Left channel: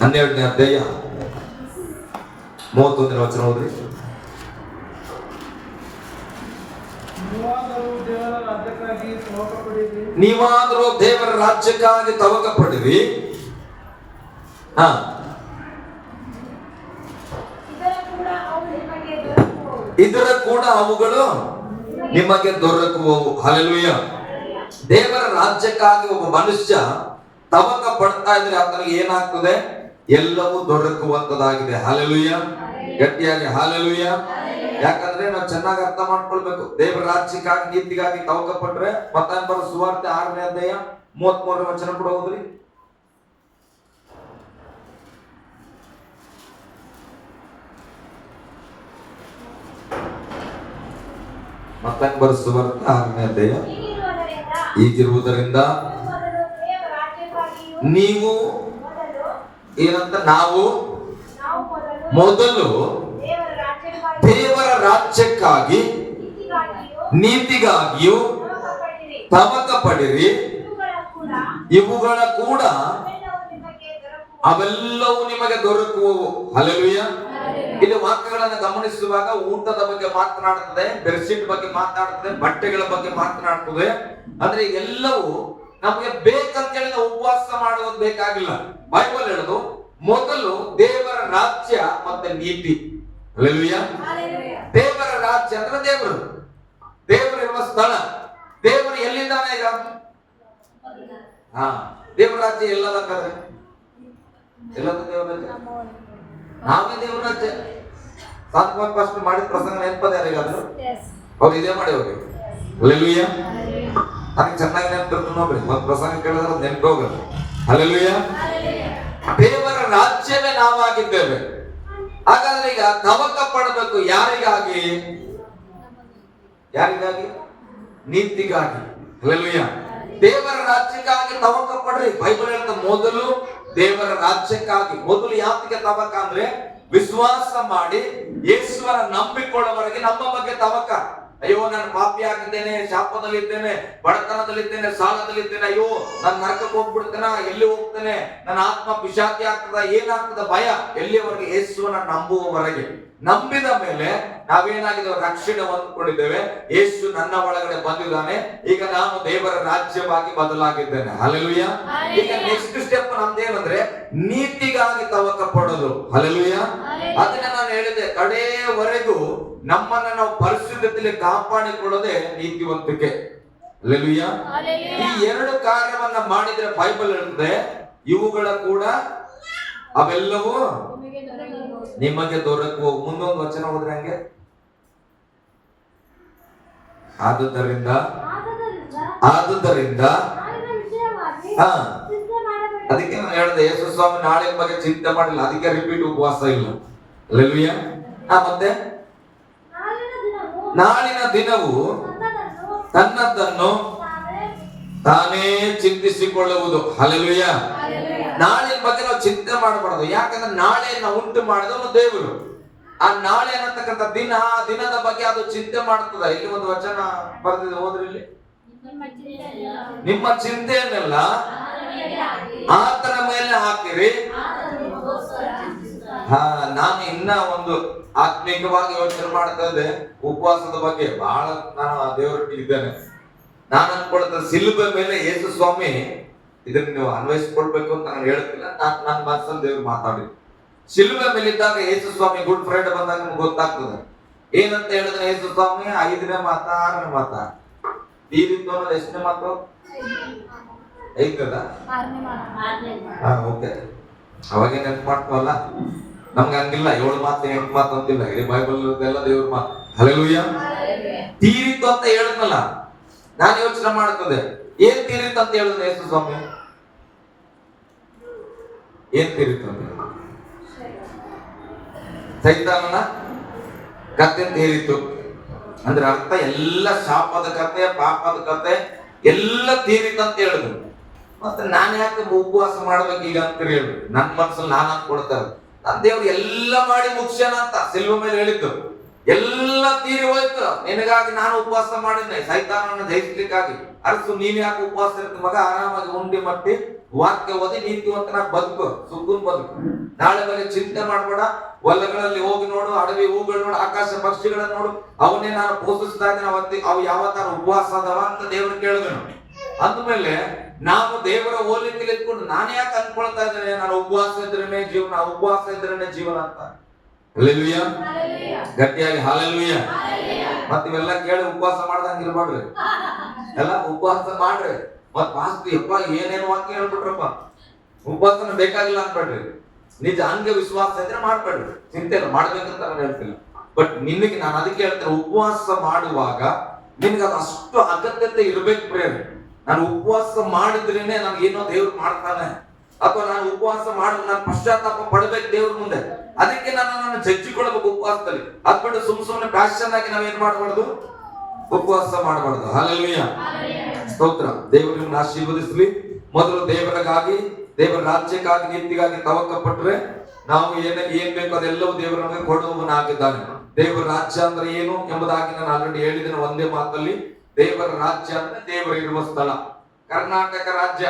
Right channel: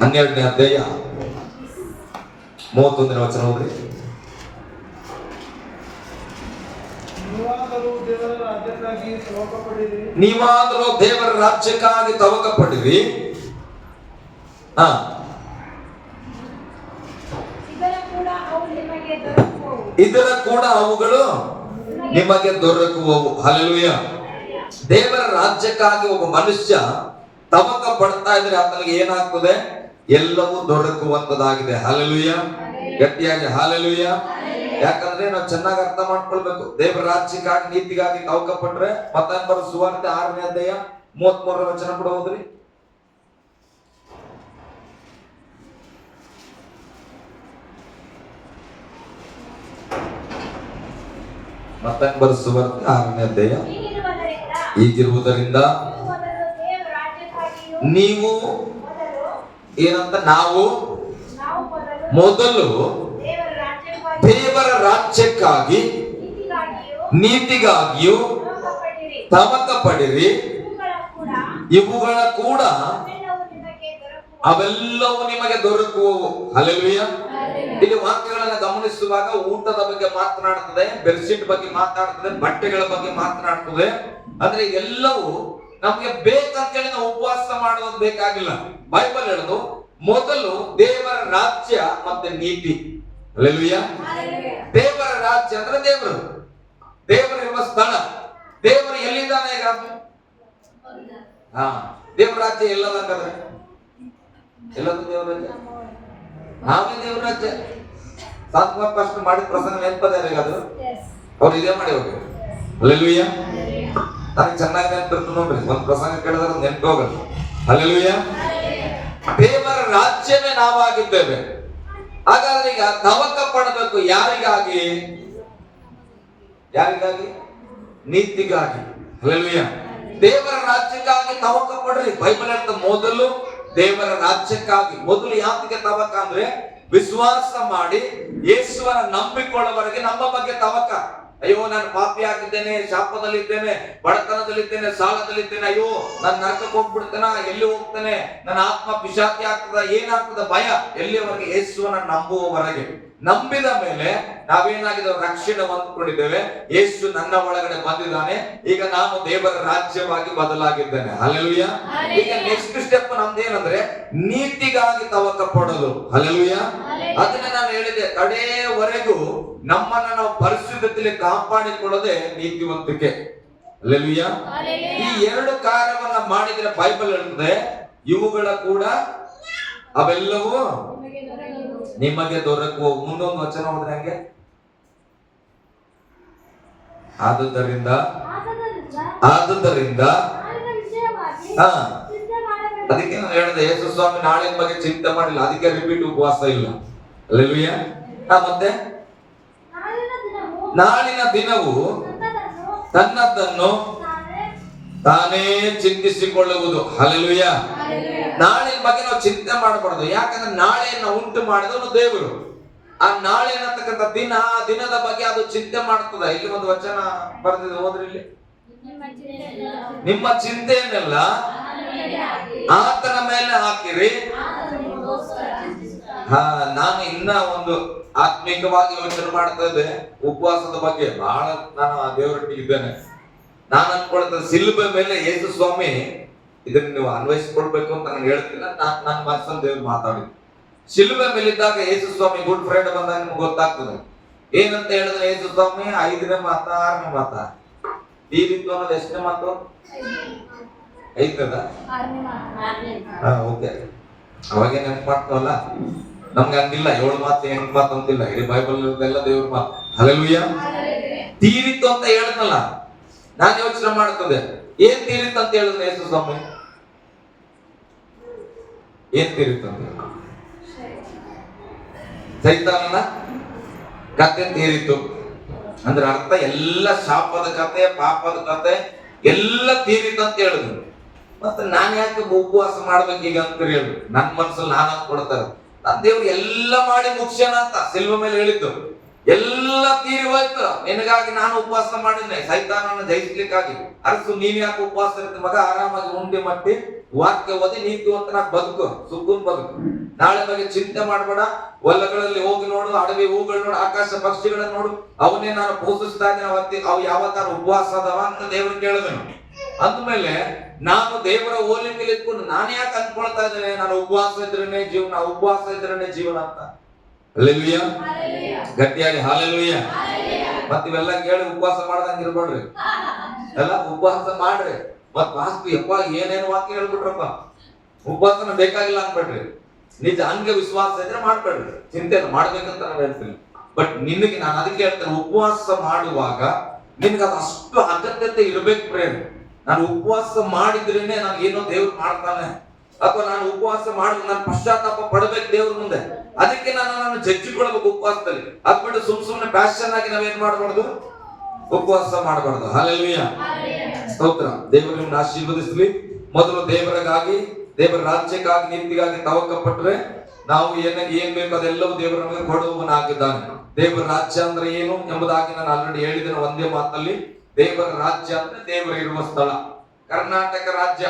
12ನೇ ಅಧ್ಯಾಯ 31ನೇ ವಚನ ಹೋದ್ರಿ. ನೀವಾದರೂ ದೇವರ ರಾಜ್ಯಕ್ಕಾಗಿ ತವಕ ಪಡಿರಿ. ಇದರ ಕೂಡ ಅವುಗಳು ನಿಮಗೆ ದೊರಕುವವು. ಹಲ್ಲೆಲೂಯಾ. ದೇವರ ರಾಜ್ಯಕ್ಕಾಗಿ ಒಬ್ಬ ಮನುಷ್ಯ ತವಕ ಪಡ್ತಾ ಇದ್ರೆ ಆತನಿಗೆ ಏನಾಗ್ತದೆ? ಎಲ್ಲವೂ ದೊರಕುವಂತದಾಗಿದೆ. ಹಲ್ಲೆಲೂಯಾ. ಗಟ್ಟಿಯಾಗಿ ಹಲ್ಲೆಲೂಯಾ. ಯಾಕಂದ್ರೆ ನಾವು ಚೆನ್ನಾಗಿ ಅರ್ಥ ಮಾಡ್ಕೊಳ್ಬೇಕು. ದೇವರ ರಾಜ್ಯಕ್ಕಾಗಿ ನೀತಿಗಾಗಿ ತವಕ ಪಟ್ರೆ ಮತ್ತಾಯ ಬರೋ ಸುವಾರ್ತೆ 6ನೇ ಅಧ್ಯಾಯ 33ನೇ ವಚನ ಕೂಡ ಹೋದ್ರಿ. ಮತ್ತಾಯ ಬರೋ ಸುವಾರ್ತೆ 6ನೇ ಅಧ್ಯಾಯ. ಹೀಗಿರುವುದರಿಂದ ನೀವು ಏನಂತ, ನಾವು ಮೊದಲು ದೇವರ ರಾಜ್ಯಕ್ಕಾಗಿ ನೀತಿಗಾಗಿಯೂ ತವಕ ಪಡಿರಿ. ಇವುಗಳ ಕೂಡ ಅವೆಲ್ಲವೂ ನಿಮಗೆ ದೊರಕುವವು. ಹಲ್ಲೆಲೂಯಾ. ಇಲ್ಲಿ ವಾಕ್ಯಗಳನ್ನು ಗಮನಿಸುವಾಗ ಊಟದ ಬಗ್ಗೆ ಮಾತನಾಡುತ್ತದೆ, ಬೆಡ್ಶೀಟ್ ಬಗ್ಗೆ ಮಾತನಾಡುತ್ತದೆ, ಬಟ್ಟೆಗಳ ಬಗ್ಗೆ ಮಾತನಾಡುತ್ತದೆ. ಅಂದ್ರೆ ಎಲ್ಲವೂ ನಮ್ಗೆ ಬೇಕಂತೇಳಿ ನಾವು ಉಪವಾಸ ಮಾಡೋದು ಬೇಕಾಗಿಲ್ಲ. ಬೈಬಲ್ ಹೇಳೋದು ಮೊದಲು ದೇವರ ರಾಜ್ಯ ಮತ್ತೆ ನೀತಿ. ಹಲ್ಲೆಲೂಯಾ. ದೇವರ ರಾಜ್ಯ ಅಂದ್ರೆ ದೇವರು, ದೇವರಿರುವ ಸ್ಥಳ. ದೇವರು ಎಲ್ಲಿದ್ದಾನೆ ಈಗ? ದೇವರ ರಾಜ್ಯ ಎಲ್ಲದಂಗಾದ್ರೆ ಎಲ್ಲದ ದೇವರ ರಾಜ್ಯ, ನಾವೇ ದೇವರ ರಾಜ್ಯ. ಸಾತ್ವಷ್ಟು ಮಾಡಿದ ಪ್ರಸಂಗ ನೆನಪದ ಯಾರಿಗಾದ್ರು? ಅವ್ರು ಇದೇ ಮಾಡಿ ಹೋಗಿ. ಹಲ್ಲೆಲೂಯಾ. ನನಗೆ ಚೆನ್ನಾಗಿ ನೆನಪಿರ್ತದೆ ನೋಡ್ರಿ, ಒಂದ್ ಪ್ರಸಂಗ ಕೇಳಿದ್ರೆ ನೆನಪು ಹೋಗಲ್ಲ. ಹಲ್ಲೆಲೂಯಾ. ದೇವರ ರಾಜ್ಯವೇ ನಾವಾಗಿದ್ದೇವೆ. ಹಾಗಾದ್ರೆ ಈಗ ತವಕ ಪಡಬೇಕು ಯಾರಿಗಾಗಿ? ಯಾರಿಗಾಗಿ? ನೀತಿಗಾಗಿ. ಹಲ್ಲೆಲೂಯಾ. ದೇವರ ರಾಜ್ಯಕ್ಕಾಗಿ ತವಕ ಪಡ್ರಿ. ಬೈಬಲ್ ಹೇಳ್ತದೆ ಮೊದಲು ದೇವರ ರಾಜ್ಯಕ್ಕಾಗಿ. ಮೊದಲು ಯಾತಿಗೆ ತವಕ ಅಂದ್ರೆ ವಿಶ್ವಾಸ ಮಾಡಿ ಯೇಸುವನ ನಂಬಿಕೊಳ್ಳುವವರೆಗೆ ನಮ್ಮ ಬಗ್ಗೆ ತವಕ. ಅಯ್ಯೋ ನಾನು ಪಾಪಿ ಆಗಿದ್ದೇನೆ, ಶಾಪದಲ್ಲಿದ್ದೇನೆ, ಬಡತನದಲ್ಲಿದ್ದೇನೆ, ಸಾಲದಲ್ಲಿದ್ದೇನೆ, ಅಯ್ಯೋ ನಾನು ನರಕಕ್ಕೆ ಹೋಗ್ಬಿಡ್ತೇನೆ, ಎಲ್ಲಿ ಹೋಗ್ತೇನೆ, ನನ್ನ ಆತ್ಮ ಪಿಶಾಚಿ ಆಗ್ತದ, ಏನಾಗ್ತದ ಭಯ. ಎಲ್ಲಿವರೆಗೆ? ಯೇಸುವನ ನಂಬುವವರೆಗೆ. ನಂಬಿದ ಮೇಲೆ ನಾವೇನಾಗಿದ್ದೇವೆ? ರಕ್ಷಣೆ ಹೊಂದಿಕೊಂಡಿದ್ದೇವೆ. ಯೇಸು ನನ್ನ ಒಳಗಡೆ ಬಂದಿದ್ದಾನೆ, ಈಗ ನಾನು ದೇವರ ರಾಜ್ಯವಾಗಿ ಬದಲಾಗಿದ್ದೇನೆ. ಹಲ್ಲೆಲೂಯಾ. ಈಗ ನೆಕ್ಸ್ಟ್ ಸ್ಟೆಪ್ ನಮ್ದೇನಂದ್ರೆ ನೀತಿಗಾಗಿ ತವಕ ಪಡೋದು. ಹಲ್ಲೆಲೂಯಾ. ಅದನ್ನ ನಾನು ಹೇಳಿದೆ, ಕಡೆಯವರೆಗೂ ನಮ್ಮನ್ನ ನಾವು ಪರಿಶುದ್ಧತೆಯಲ್ಲಿ ಕಾಪಾಡಿಕೊಳ್ಳೋದೇ ನೀತಿವಂತಿಕೆ. ಹಲ್ಲೆಲೂಯಾ. ಈ ಎರಡು ಕಾರ್ಯವನ್ನ ಮಾಡಿದ್ರೆ ಬೈಬಲ್ ಹೇಳ್ತದೆ ಇವುಗಳ ಕೂಡ ಅವೆಲ್ಲವೂ ನಿಮಗೆ ದೊರಕುವ. ಮುಂದೊಂದು ವಚನ ಹೋದ್ರೆ ಹಂಗೆ, ಆದುದರಿಂದ ಅದಕ್ಕೆ ನಾನು ಹೇಳಿದೆ ಯೇಸು ಸ್ವಾಮಿ ನಾಳಿನ ಬಗ್ಗೆ ಚಿಂತೆ ಮಾಡಿಲ್ಲ, ಅದಕ್ಕೆ ರಿಪೀಟ್ ಉಪವಾಸ ಇಲ್ಲ. ಹಲ್ಲೆಲೂಯಾ. ಮತ್ತೆ ನಾಳಿನ ದಿನವು ತನ್ನದನ್ನು ತಾನೇ ಚಿಂತಿಸಿಕೊಳ್ಳುವುದು. ಹಲ್ಲೆಲೂಯಾ. ನಾಳಿನ ಬಗ್ಗೆ ನಾವು ಚಿಂತೆ ಮಾಡಬಾರದು. ಯಾಕಂದ್ರೆ ನಾಳೆಯನ್ನು ಉಂಟು ಮಾಡಿದವನು ದೇವರು. ಆ ನಾಳೆ ಅನ್ನತಕ್ಕಂಥ ದಿನ, ಆ ದಿನದ ಬಗ್ಗೆ ಅದು ಚಿಂತೆ ಮಾಡ್ತದ. ಇಲ್ಲಿ ಒಂದು ವಚನ ಬರೆದಿದೆ, ಹೋದ್ರಿ ಇಲ್ಲಿ. ನಿಮ್ಮ ಚಿಂತೆಯನ್ನೆಲ್ಲ ಆತನ ಮೇಲೆ ಹಾಕಿರಿ. ನಾನು ಇನ್ನ ಒಂದು ಆತ್ಮಿಕವಾಗಿ ಯೋಚನೆ ಮಾಡ್ತಾ ಇದ್ದೆ ಉಪವಾಸದ ಬಗ್ಗೆ. ಬಹಳ ನಾನು ದೇವರೊಟ್ಟಿಗೆ ಇದ್ದೇನೆ. ನಾನು ಅನ್ಕೊಳ್ತೇನೆ ಸಿಲುಬೆ ಮೇಲೆ ಯೇಸು ಸ್ವಾಮಿ ಇದನ್ನ ನೀವು ಅನ್ವಯಿಸ್ಕೊಡ್ಬೇಕು ಅಂತ ನಾನು ಹೇಳ್ತಿಲ್ಲ, ನನ್ನ ಮನಸ್ಸಲ್ಲಿ ದೇವ್ರು ಮಾತಾಡಿದ್ರು. ಶಿಲುಬೆ ಮೇಲಿದ್ದಾಗ ಯೇಸು ಸ್ವಾಮಿ ಗುಡ್ ಫ್ರೈಡೆ ಬಂದಾಗ ನಿಮ್ಗೆ ಗೊತ್ತಾಗ್ತದೆ ಏನಂತ ಹೇಳಿದ್ರೆ, ಯೇಸು ಸ್ವಾಮಿ 5ನೇ ಮಾತ 6ನೇ ಮಾತ ಈ ರೀತಿ ಅನ್ನೋದು ಎಷ್ಟನೇ ಮಾತು? 5ನೇದ? ಓಕೆ. ಅವಾಗೇ ನೆನಪು ಮಾಡ್ತಾವಲ್ಲ, ನಮ್ಗೆ ಹಂಗಿಲ್ಲ 7 ಮಾತು 8 ಮಾತು ಅಂತಿಲ್ಲ. ಇಡೀ ಬೈಬಲ್ ಎಲ್ಲ ದೇವ್ರ ಮಾತು. ಹಲ್ಲೆಲೂಯಾ. ತೀರಿತ್ತು ಅಂತ ಹೇಳಿದ್ನಲ್ಲ, ನಾನು ಯೋಚನೆ ಮಾಡ್ತದೆ ಏನ್ ತೀರಿತ್ತು ಅಂತ ಹೇಳಿದ್ರೆ ಯೇಸು ಸ್ವಾಮಿ ಏನ್ ತೀರಿತ್ತು ಅಂತ? ಸೈತಾನನ ಕತೆ ತೀರಿತು ಅಂದ್ರೆ ಅರ್ಥ ಎಲ್ಲ ಶಾಪದ ಕತೆ, ಪಾಪದ ಕತೆ ಎಲ್ಲ ತೀರಿತು ಅಂತ ಹೇಳಿದ್ರು. ಮತ್ತೆ ನಾನು ಯಾಕೆ ಉಪವಾಸ ಮಾಡ್ಬೇಕೀಗ ಅಂತ ಹೇಳಿ ನನ್ನ ಮನಸ್ಸಲ್ಲಿ ನಾನು ಅಂದ್ಕೊಳ್ತಾರೆ, ನನ್ನ ದೇವ್ರು ಎಲ್ಲ ಮಾಡಿ ಮುಗಿಸ್ಯಾನ ಅಂತ ಸಿಲ್ವ ಮೇಲೆ ಹೇಳಿದ್ದು. ಎಲ್ಲ ತೀರಿ ಹೋಯ್ತು. ನಿನಗಾಗಿ ನಾನು ಉಪವಾಸ ಮಾಡಿದ್ದೆ ಸೈತಾನನ್ನು ಜಯಿಸ್ಲಿಕ್ಕಾಗಿ. ಅರ್ಸು ನೀನ್ ಯಾಕೆ ಉಪವಾಸ ಇರ್ತಿ ಮಗ? ಆರಾಮಾಗಿ ಉಂಡಿ ಮಟ್ಟಿ ವಾಕ್ಯ ಓದಿ ನೀತಿವಂತನಾಗಿ ಬದುಕು, ಸುಖನ್ ಬದುಕು. ನಾಳೆ ಬಗ್ಗೆ ಚಿಂತೆ ಮಾಡ್ಬೇಡ. ಹೊಲಗಳಲ್ಲಿ ಹೋಗಿ ನೋಡು, ಅಡವಿ ಹೂಗಳು ನೋಡು, ಆಕಾಶ ಪಕ್ಷಿಗಳನ್ನ ನೋಡು, ಅವನ್ನೇ ನಾನು ಪೋಷಿಸ್ತಾ ಇದ್ದೇನೆ. ಅವು ಯಾವತ್ತಾರ ಉಪವಾಸ ಅದಾವ ಅಂತ ದೇವ್ರು ಕೇಳಿದನು. ಅಂದ್ಮೇಲೆ ನಾನು ದೇವರ ಹೋಲಿಕೆ ಇಟ್ಕೊಂಡು ನಾನು ಯಾಕೆ ಅನ್ಕೊಳ್ತಾ ಇದ್ದೇನೆ ನಾನು ಉಪವಾಸ ಇದ್ರೇನೆ ಜೀವನ, ಉಪವಾಸ ಇದ್ರೇನೆ ಜೀವನ ಅಂತ. ಹಲ್ಲೆಲೂಯಾ, ಗಟ್ಟಿಯಾಗಿ ಹಲ್ಲೆಲೂಯಾ. ಮತ್ ಇವೆಲ್ಲ ಕೇಳಿ ಉಪವಾಸ ಮಾಡ್ದಂಗ ಇರ್ಬೇಡ್ರಿ, ಎಲ್ಲ ಉಪವಾಸ ಮಾಡ್ರಿ. ಮತ್ ವಾಸ್ತು ಯಪ್ಪ ಏನೇನು ವಾಕ್ಯ ಹೇಳ್ಬಿಟ್ರಪ್ಪ, ಉಪವಾಸನ ಬೇಕಾಗಿಲ್ಲ ಅನ್ಬೇಡ್ರಿ. ನಿಜ ಹಂಗೆ ವಿಶ್ವಾಸ ಇದ್ರೆ ಮಾಡ್ಬೇಡ್ರಿ, ಚಿಂತೆ ಮಾಡ್ಬೇಕಂತ ನಾನು ಹೇಳ್ತೀನಿ. ಬಟ್ ನಿನಗೆ ನಾನು ಅದಕ್ಕೆ ಹೇಳ್ತೇನೆ, ಉಪವಾಸ ಮಾಡುವಾಗ ನಿನ್ಗೆ ಅದು ಅಷ್ಟು ಅಗತ್ಯತೆ ಇರ್ಬೇಕು ಪ್ರೇಮ್. ನಾನು ಉಪವಾಸ ಮಾಡಿದ್ರೇನೆ ನಾನು ಏನೋ ದೇವ್ರು ಮಾಡ್ತಾನೆ, ಅಥವಾ ನಾನು ಉಪವಾಸ ಮಾಡಿ ನಾನು ಪಶ್ಚಾತ್ತಾಪ ಪಡ್ಬೇಕು ದೇವ್ರ ಮುಂದೆ. ಅದಕ್ಕೆ ನಾನು ಜಜ್ಜಿಕೊಳ್ಬೇಕು ಉಪವಾಸದಲ್ಲಿ. ಅದ್ ಬಿಟ್ಟು ಸುಮ್ಮನೆ ಪ್ಯಾಷನ್ ಆಗಿ ನಾವೇನ್ ಮಾಡಬಾರ್ದು, ಉಪವಾಸ ಮಾಡಬಾರ್ದು. ಹಲ್ಲೆಲೂಯಾ, ಸ್ತೋತ್ರ. ದೇವರು ನಿಮ್ಮನ್ನ ಆಶೀರ್ವದಿಸಲಿ. ಮೊದಲು ದೇವರಿಗಾಗಿ, ದೇವರ ರಾಜ್ಯಕ್ಕಾಗಿ, ನೀತಿಗಾಗಿ ತವಕ ಪಟ್ರೆ ನಾವು ಏನ್ ಬೇಕು ಅದೆಲ್ಲವೂ ದೇವರು ನಮಗೆ ಕೊಡುವವನಾಗಿದ್ದಾನೆ. ದೇವರ ರಾಜ್ಯ ಅಂದ್ರೆ ಏನು ಎಂಬುದಾಗಿ ನಾನು ಆಲ್ರೆಡಿ ಹೇಳಿದ್ದೇನೆ ಒಂದೇ ಮಾತಲ್ಲಿ. ದೇವರ ರಾಜ್ಯ ಅಂದ್ರೆ ದೇವರು ಇರುವ ಸ್ಥಳ. ಕರ್ನಾಟಕ ರಾಜ್ಯ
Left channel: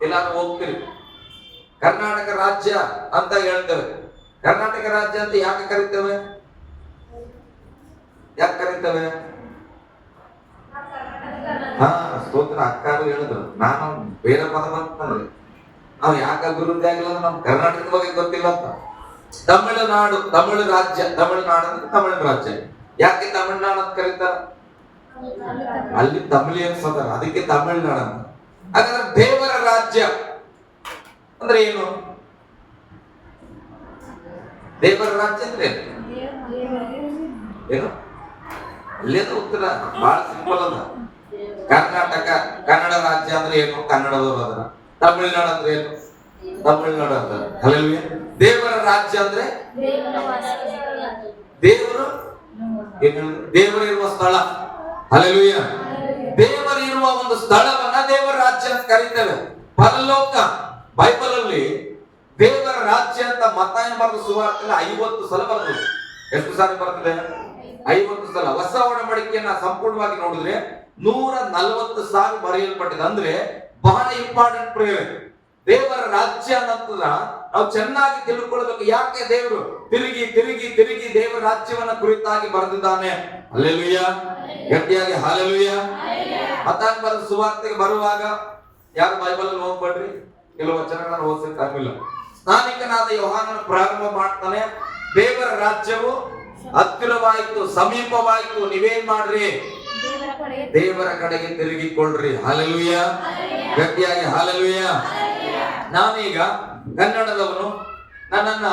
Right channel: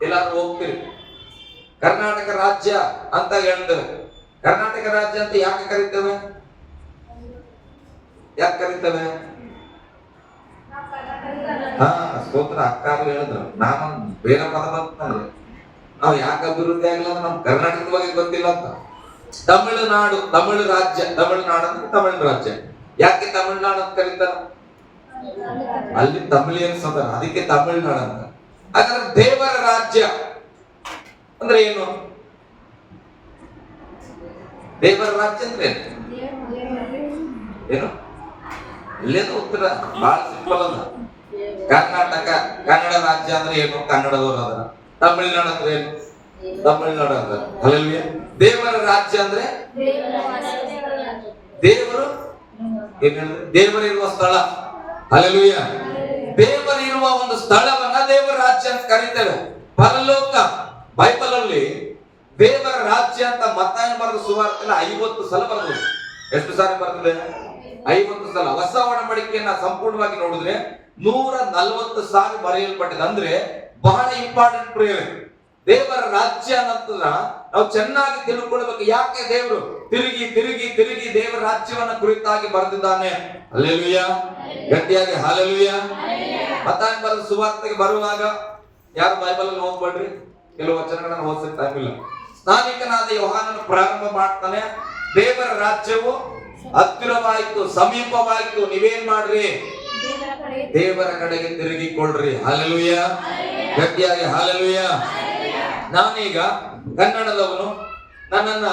ಎಲ್ಲಾರು ಹೋಗ್ತೀರಿ, ಕರ್ನಾಟಕ ರಾಜ್ಯ ಅಂತ ಹೇಳ್ತೇವೆ. ಕರ್ನಾಟಕ ರಾಜ್ಯ ಅಂತ ಯಾಕೆ ಕರಿತೇವೆ? ಯಾಕೆ ಕರಿತೇವೆ? ಸ್ತೋತ್ರ. ಅಕ್ಕಾರು ಹೇಳಿದ್ರು, ನಾನು ಬೇರೆ ಪದ ಬಂತಂದ್ರೆ ನಾವು ಯಾಕೆ ಅಭಿವೃದ್ಧಿ ಆಗಿಲ್ಲ ಅಂದ್ರೆ ನಮ್ ಕರ್ನಾಟಕದ ಬಗ್ಗೆ ಗೊತ್ತಿಲ್ಲ ಅಂತ. ತಮಿಳುನಾಡು, ತಮಿಳು ರಾಜ್ಯ, ತಮಿಳುನಾಡು ಅಂದ್ರೆ ತಮಿಳು ರಾಜ್ಯ. ಯಾಕೆ ತಮಿಳುನಾಡು ಅಂತ ಕರೀತಾರ? ಅಲ್ಲಿ ತಮಿಳಿಯನ್ಸ್ ಅದಾರ, ಅದಕ್ಕೆ ತಮಿಳುನಾಡು ಅಂತ. ಹಾಗಾದ್ರೆ ದೇವರ ರಾಜ್ಯ ಅಂದ್ರೆ ಏನು? ದೇವರ ರಾಜ್ಯ ಅಂದ್ರೆ ಏನು? ಅಲ್ಲೇನು ಉತ್ತರ ಬಹಳ ಸಿಂಪಲ್ ಅದ. ಕರ್ನಾಟಕ, ಕನ್ನಡ ರಾಜ್ಯ ಅಂದ್ರೆ ಏನು? ಕನ್ನಡದವರು ಅದರ. ತಮಿಳುನಾಡು ಅಂದ್ರೆ ಏನು? ತಮಿಳುನಾಡು ಅಂತ. ಹಲ್ಲೆಲೂಯಾ. ದೇವರ ರಾಜ್ಯ ಅಂದ್ರೆ ದೇವರು ದೇವರಿರುವ ಸ್ಥಳ. ಹಲ್ಲೆಲೂಯಾ. ದೇವರಿರುವ ಒಂದು ಸ್ಥಳವನ್ನ ದೇವರ ರಾಜ್ಯ ಅಂತ ಕರೀತೇವೆ. ಪರಲೋಕ, ಬೈಬಲ್ ಅಲ್ಲಿ ದೇವರ ರಾಜ್ಯ ಅಂತ ಮತ್ತಾಯನ ಬರೆದ ಸುವಾರ್ತೆಯಲ್ಲಿ 50 ಸಲ ಬರ್ತದೆ. ಎಷ್ಟು ಸಾರಿ ಬರ್ತದೆ? 50 ಸಲ. ಹೊಸ ಒಡಂಬಡಿಕೆಯನ್ನ ಸಂಪೂರ್ಣವಾಗಿ ನೋಡಿದ್ರೆ 140 ಸಾರಿ ಬರೆಯಲ್ಪಟ್ಟಿದೆ. ಅಂದ್ರೆ ಬಹಳ ಇಂಪಾರ್ಟೆಂಟ್ ಪ್ರೇಯರ್. ದೇವರ ರಾಜ್ಯ ಅನ್ನೋದನ್ನ ನಾವು ಚೆನ್ನಾಗಿ ತಿಳ್ಕೊಳ್ಬೇಕು. ಯಾಕೆ ದೇವರು ತಿರುಗಿ ತಿರುಗಿ ತಿರುಗಿ ದೇವರ ರಾಜ್ಯವನ್ನ ಕುರಿತಾಗಿ ಬರೆದಿದ್ದಾನೆ. ಹಲ್ಲೆಲೂಯಾ, ಗಟ್ಟಿಯಾಗಿ ಹಲ್ಲೆಲೂಯಾ. ಮತ್ತಾಯನ ಬರೆದ ಸುವಾರ್ತೆಗೆ ಬರುವಾಗ ಯಾರು ಬೈಬಲ್ ಅಲ್ಲಿ ಹೋಗ್ಬೇಡ್ರಿ, ಕೆಲವು ವಚನಗಳನ್ನು ಓದಿಸಕ್ಕೆ ಟೈಮ್ ಇಲ್ಲ. ಸ್ನಾನಿಕನಾದ ಯೋಹಾನನ ಪ್ರಾರಂಭ ಮಾಡ್ತಾನೆ, ದೇವರ ರಾಜ್ಯವು ಹತ್ತಿರವಾಯಿತು, ಸಮೀಪವಾಯಿತು, ನೀವೇನ್ ಮಾಡ್ರಿ? ದೇವರ ಕಡೆಗೆ ತಿರುಗಿಕೊಳ್ಳ್ರಿ. ಹಲ್ಲೆಲೂಯಾ, ಗಟ್ಟಿಯಾಗಿ ಹಲ್ಲೆಲೂಯಾ. ನಾನೀಗ ಕನ್ನಡದವನು, ನನ್ನನ್ನ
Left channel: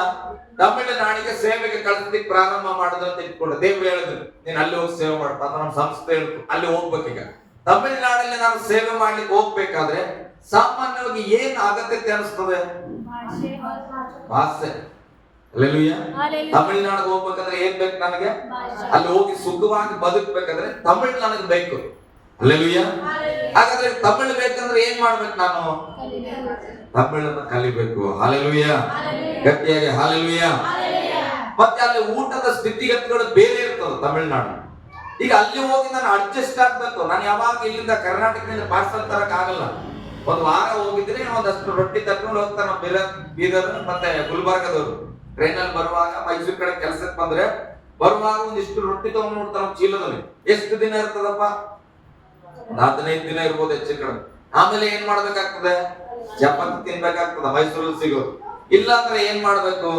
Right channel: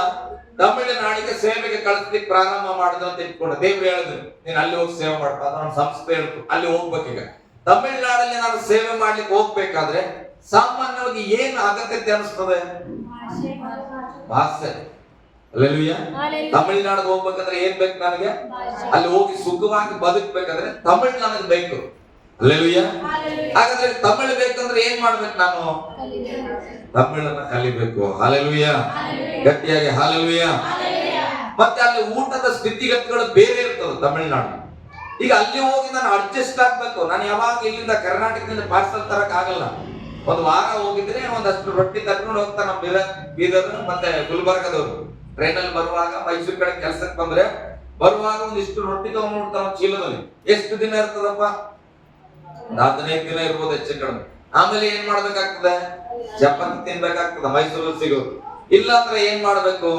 ತಮಿಳುನಾಡಿಗೆ ಸೇವೆಗೆ ಕಳಿಸ್ಲಿಕ್ಕೆ ಪ್ರಾರಂಭ ಮಾಡಿದ್ರು ಅಂತ ಇಟ್ಕೊಂಡೆ. ದೇವ್ರು ಹೇಳಿದ್ರು ನೀನ್ ಅಲ್ಲಿ ಹೋಗಿ ಸೇವೆ ಮಾಡ್ತಾ, ನಮ್ಮ ಸಂಸ್ಥೆ ಹೇಳ್ತು ಅಲ್ಲಿ ಹೋಗ್ಬೇಕೀಗ. ತಮಿಳುನಾಡಲ್ಲಿ ನಾನು ಸೇವೆ ಮಾಡ್ಲಿಕ್ಕೆ ಹೋಗ್ಬೇಕಾದ್ರೆ ಸಾಮಾನ್ಯವಾಗಿ ಏನ್ ಅಗತ್ಯತೆ ಅನಿಸ್ತದೆ? ಭಾಷೆ. ಹಲ್ಲೆಲೂಯಾ. ತಮಿಳುನಾಡಿಗೆ ಹೋಗ್ಬೇಕಂದ್ರೆ ಏನ್ ಬೇಕು ನನಗೆ? ಅಲ್ಲಿ ಹೋಗಿ ಸುಖವಾಗಿ ಬದುಕ್ಬೇಕಾದ್ರೆ ತಮಿಳ್ ನನಗೆ ಬೇಕು. ಹಲ್ಲೆಲೂಯಾ. ಹಾಗಾದ್ರೆ ತಮಿಳ್ ಬೇಕಂದ್ರೆ ಏನ್ ಮಾಡ್ಬೇಕು? ನಾನು ತಮಿಳನ್ನ ಕಲಿಬೇಕು. ಹಲ್ಲೆಲೂಯಾ, ಗಟ್ಟಿಯಾಗಿ ಹಲ್ಲೆಲೂಯಾ. ಮತ್ತೆ ಅಲ್ಲಿ ಊಟದ ಸ್ಥಿತಿಗತಿಗಳು ಬೇರೆ ಇರ್ತದೆ ತಮಿಳುನಾಡು. ಈಗ ಅಲ್ಲಿ ಹೋಗಿ ನಾನು ಅಡ್ಜಸ್ಟ್ ಆಗ್ಬೇಕು. ನಾನು ಯಾವಾಗ ಇಲ್ಲಿಂದ ಕರ್ನಾಟಕದಿಂದ ಪಾರ್ಸಲ್ ತರಕ್ ಆಗಲ್ಲ. ಒಂದು ವಾರ ಹೋಗಿದ್ರೆ ಒಂದಷ್ಟು ರೊಟ್ಟಿ ತರ್ಕೊಂಡು ಹೋಗ್ತಾರ ಬೀದರ್ ಮತ್ತೆ ಗುಲ್ಬರ್ಗದವರು. ಟ್ರೈನಲ್ಲಿ ಬರುವಾಗ ಮೈಸೂರು ಕಡೆ ಕೆಲ್ಸಕ್ಕೆ ಬಂದ್ರೆ ಬರುವಾಗ ಒಂದಿಷ್ಟು ರೊಟ್ಟಿ ತಗೊಂಡ್ಬಿಡ್ತಾರ ಚೀಲದಲ್ಲಿ. ಎಷ್ಟು ದಿನ ಇರ್ತದಪ್ಪ? 15 ದಿನ ಇರ್ಬೋದು ಹೆಚ್ಚು ಕಡಿಮೆ. ಆಮೇಲೆ ಏನ್ ಮಾಡ್ಬೇಕಾಗ್ತದೆ? ಚಪಾತಿ ತಿನ್ಬೇಕಾಗ್ತದ ಮೈಸೂರಲ್ಲಿ ಸಿಗೋ. ಇಲ್ಲ ಅಂದ್ರೆ ಏನ್ ಮಾಡ್ಬೇಕು?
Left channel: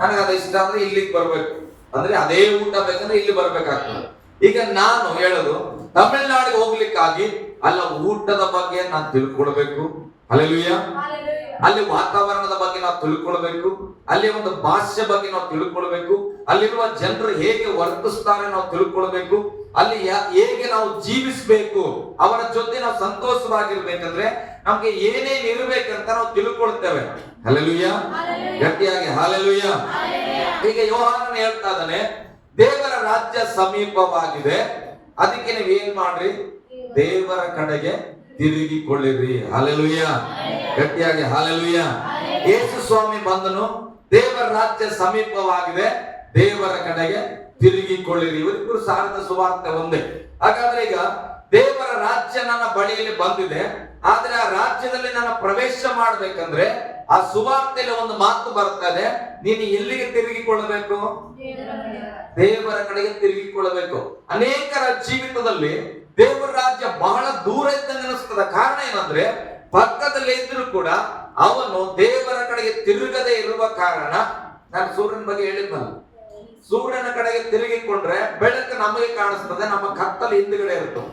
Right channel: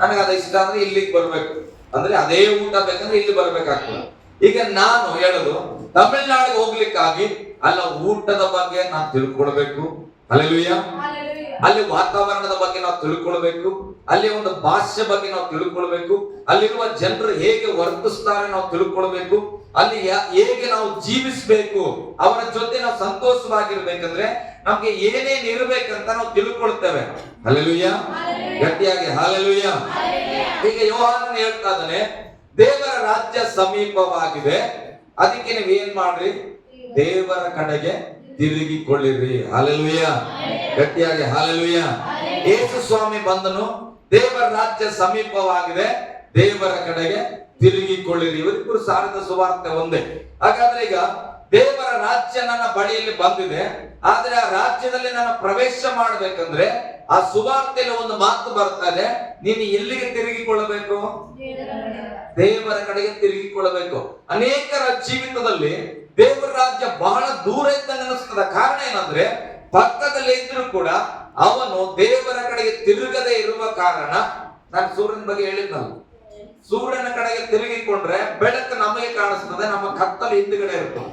ನನಗೆ ಅದ ಇಷ್ಟ ಅಂದ್ರೆ ಇಲ್ಲಿಗೆ ಬರ್ಬೇಕು, ಅಂದ್ರೆ ಅದೇ ಊಟ ಬೇಕಂದ್ರೆ ಇಲ್ಲಿ ಬರ್ಬೇಕಾಗ್ತದೆ. ಈಗ ನಾನು ಹೇಳೋದು ತಮಿಳುನಾಡಿಗೆ ಹೋಗ್ಲಿಕ್ಕಾಗಿ ಅಲ್ಲ ಊಟದ ಬಗ್ಗೆ ನಾನು ತಿಳ್ಕೊಳ್ಬೇಕು. ಹಲ್ಲೆಲೂಯಾ. ಅಲ್ಲಿ ವಾತಾವರಣದ ಬಗ್ಗೆ ನಾವು ತಿಳ್ಕೊಳ್ಬೇಕು, ಅಲ್ಲಿ ಒಂದು ಭಾಷೆ ಬಗ್ಗೆ ನಾವು ತಿಳ್ಕೊಳ್ಬೇಕು, ಅಲ್ಲಿರುವ ಜನರು ಹೇಗೆ ವರ್ತಿಸ್ತಾರೆ ನಾವು ತಿಳ್ಕೊಳ್ಬೇಕು, ಅಲ್ಲಿ ಹೇಗೆ ನಾವು ಜೀವಿಸಬೇಕು, ಅವರ ಜೊತೆ ನಾವು ಸಂತೋಷವಾಗಿರ್ಬೇಕಂದ್ರೆ ನಮ್ಗೆ ಏನೇನ್ ಇರ್ಬೇಕಂತ ನಾವು ತಿಳ್ಕೊಳ್ತೇವೆ. ಹಲ್ಲೆಲೂಯಾ, ಗಟ್ಟಿಯಾಗಿ ಹಲ್ಲೆಲೂಯಾ. ಈಗ ಯೋಹಾನನು ಹೇಳ್ತಾ ಇದ್ದಾನೆ, ದೇವರ ರಾಜ್ಯ ಸಮೀಪವಾಗಿದೆ, ಅದಕ್ಕೆ ನೀವ್ ಏನ್ ಮಾಡ್ರಿ? ದೇವರ ಕಡೆಗೆ ತಿರುಗಿಕೊಳ್ಳಿರಿ. ಹಲ್ಲೆಲೂಯಾ, ಗಟ್ಟಿಯಾಗಿ ಹಲ್ಲೆಲೂಯಾ. ಯೇಸು ಸ್ವಾಮಿ ಬಂದನು, ದೇವರ ರಾಜ್ಯ ಸಮೀಪವಾಗಿದೆ, ದೇವರ ಕಡೆಗೆ ತಿರುಗಿಕೊಳ್ಳಿರಿ. ಇವರಿಬ್ಬರು ಸಾರಿದ ಸುವಾರ್ತೆ ಒಂದೇ. ಹಾಗಾದ್ರೆ ಈಗ ದೇವರ ರಾಜ್ಯ ನನ್ನ ಬಳಿಯಲ್ಲಿ ಬಂದಿದೆ, ಆದ್ರೆ ಆ ರಾಜ್ಯದಲ್ಲಿ ನಾನು ಪ್ರವೇಶ ಮಾಡ್ಬೇಕಂದ್ರೆ ಆ ಸುವಾರ್ತೆಯಲ್ಲಿ ಒಂದು ಮಾತು ಬರ್ತಾ ಇದೆ, ನೀನು ಎಲ್ಲಿಗೆ ತಿರುಗಿಕೊಳ್ಳಬೇಕು? ದೇವರ ಕಡೆಗೆ ತಿರುಗಿಕೊಳ್ಳಬೇಕು. ಅನೇಕರ ಜೀವಿತದಲ್ಲಿ ದೇವರ ರಾಜ್ಯ ಬಹಳ ದೂರ ಇದ್ದಂಗೆ ಅನಿಸ್ತದ. ಕಾರಣ ಏನಂದ್ರೆ ಪಕ್ಕದಲ್ಲಿ ಇದ್ರೂ ಕೂಡ ಅವನು ದೇವರ ಕಡೆಗೆ ತಿರುಗದೆ ಇರುವ ಕಾರಣ. ನಾನು ಸೂರ್ಯನ ಬಗ್ಗೆ ಹೇಳಿದ್ನಲ್ಲ, ಸೂರ್ಯನ ಕಡೆಗೆ ತಿರುಗಿಕೊಂಡ್ರೆ ಬೆಳಕು ನಮಗೆ ಕಾಣಿಸ್ತದೆ, ನಮ್ಮ ಕತ್ತಲು ಹಿಂದುಗಡೆ ಇರ್ತದೆ.